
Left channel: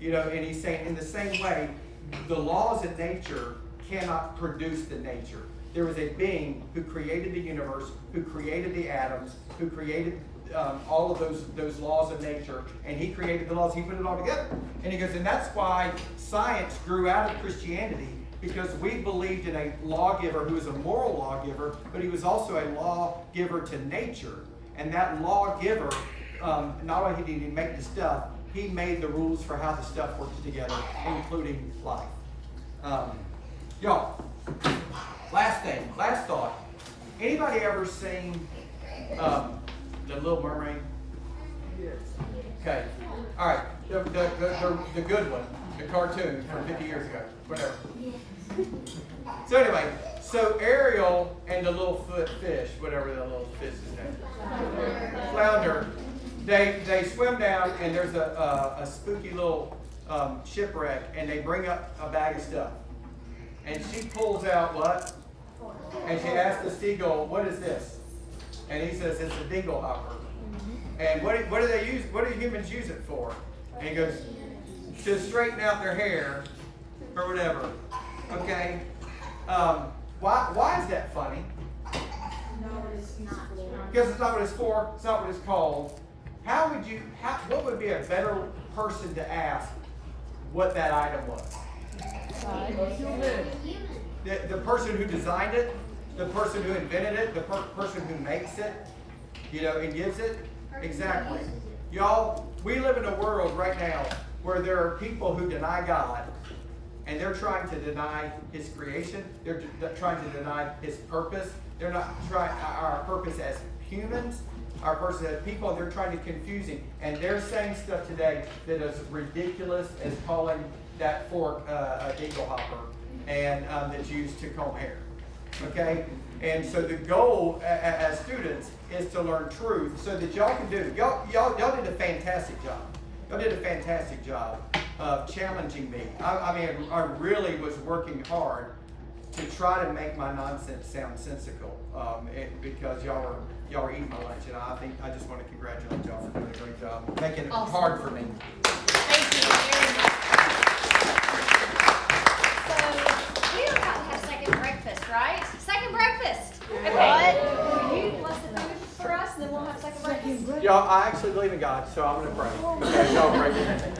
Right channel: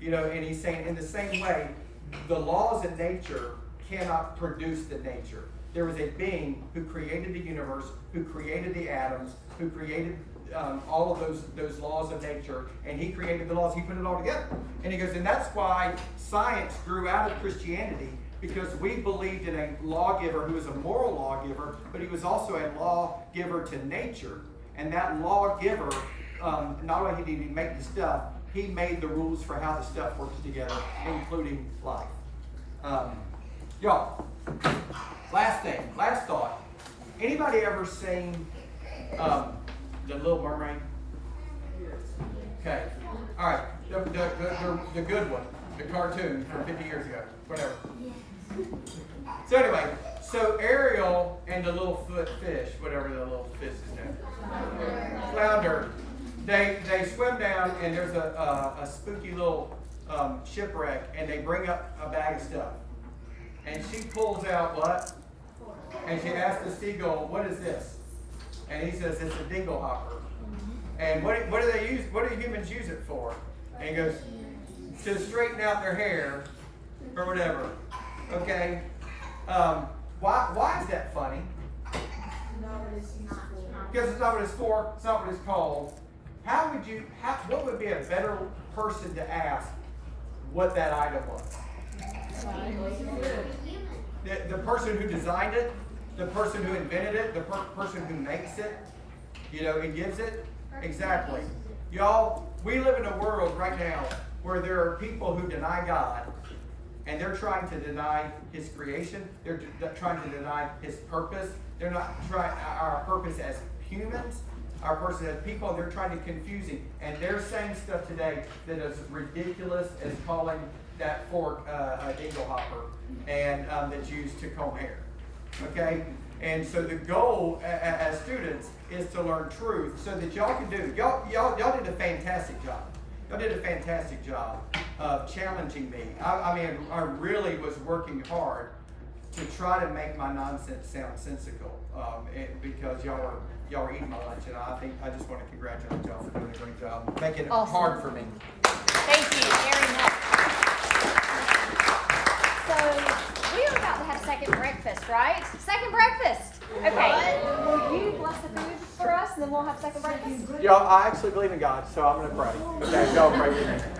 You know, and he's saying in the same way, the laws in nature cannot produce the nature. There was a being who created the universe, who created the atoms, who created all of those laws of nature, and he created the laws, he put it all together. And he goes, and that's why science grew out of Christianity, because we believed in a lawgiver who was a moral lawgiver, but he was also a lawgiver to nature. And that lawgiver, not only did he make the stuff, he made the rules for how the stuff works together, including life. Y'all, last thought. Anybody ever seen The Little Mermaid? Okay. All right. The good one, the cartoon from 50 years ago, whatever. So anyway, so Ariel and the little fish, whatever the little fish is named, flounder, they swim down, and there's a spooky little shipwreck, and they bring up a bag of stuff. And she pulls out what? And she asks the seagull, what is this? And he says, it's a dingle hopper. And what do they use? What do humans use it for? And he goes, to straighten out their hair or whatever. Okay? Why is that funny? Because it's not what it's for. It's not what it's called. What would be a better person to ask what that item was? The person who designed it, the person who invented it, the person who makes it, you know, and gives it. Exactly. Y'all, we live in a world right now where there are people who deny God, and they're trying to deny his creation. They're trying to deny his purpose. They're not trying our purpose as humans, our purpose as people. They're trying to confuse him. And they're saying stuff today that is ridiculous as calling that fork a dingle hopper, and that's used to comb hair. Okay? And so the goal as students is to learn truth so that y'all can do. Y'all did a fantastic job. Y'all did a fantastic job of challenging me. I mean, I really was working hard to try to make my nonsense sound sensical, because y'all were eating my lunch, and I just want to congratulate y'all for doing a great job, making it hard for me. Thank you very much. So, we're about to have second breakfast, right? Second breakfast. Okay. Will you bless the food for us, and then we'll have second breakfast? Y'all, I actually believe in God, so I'm going to pray. Okay, y'all pray with me.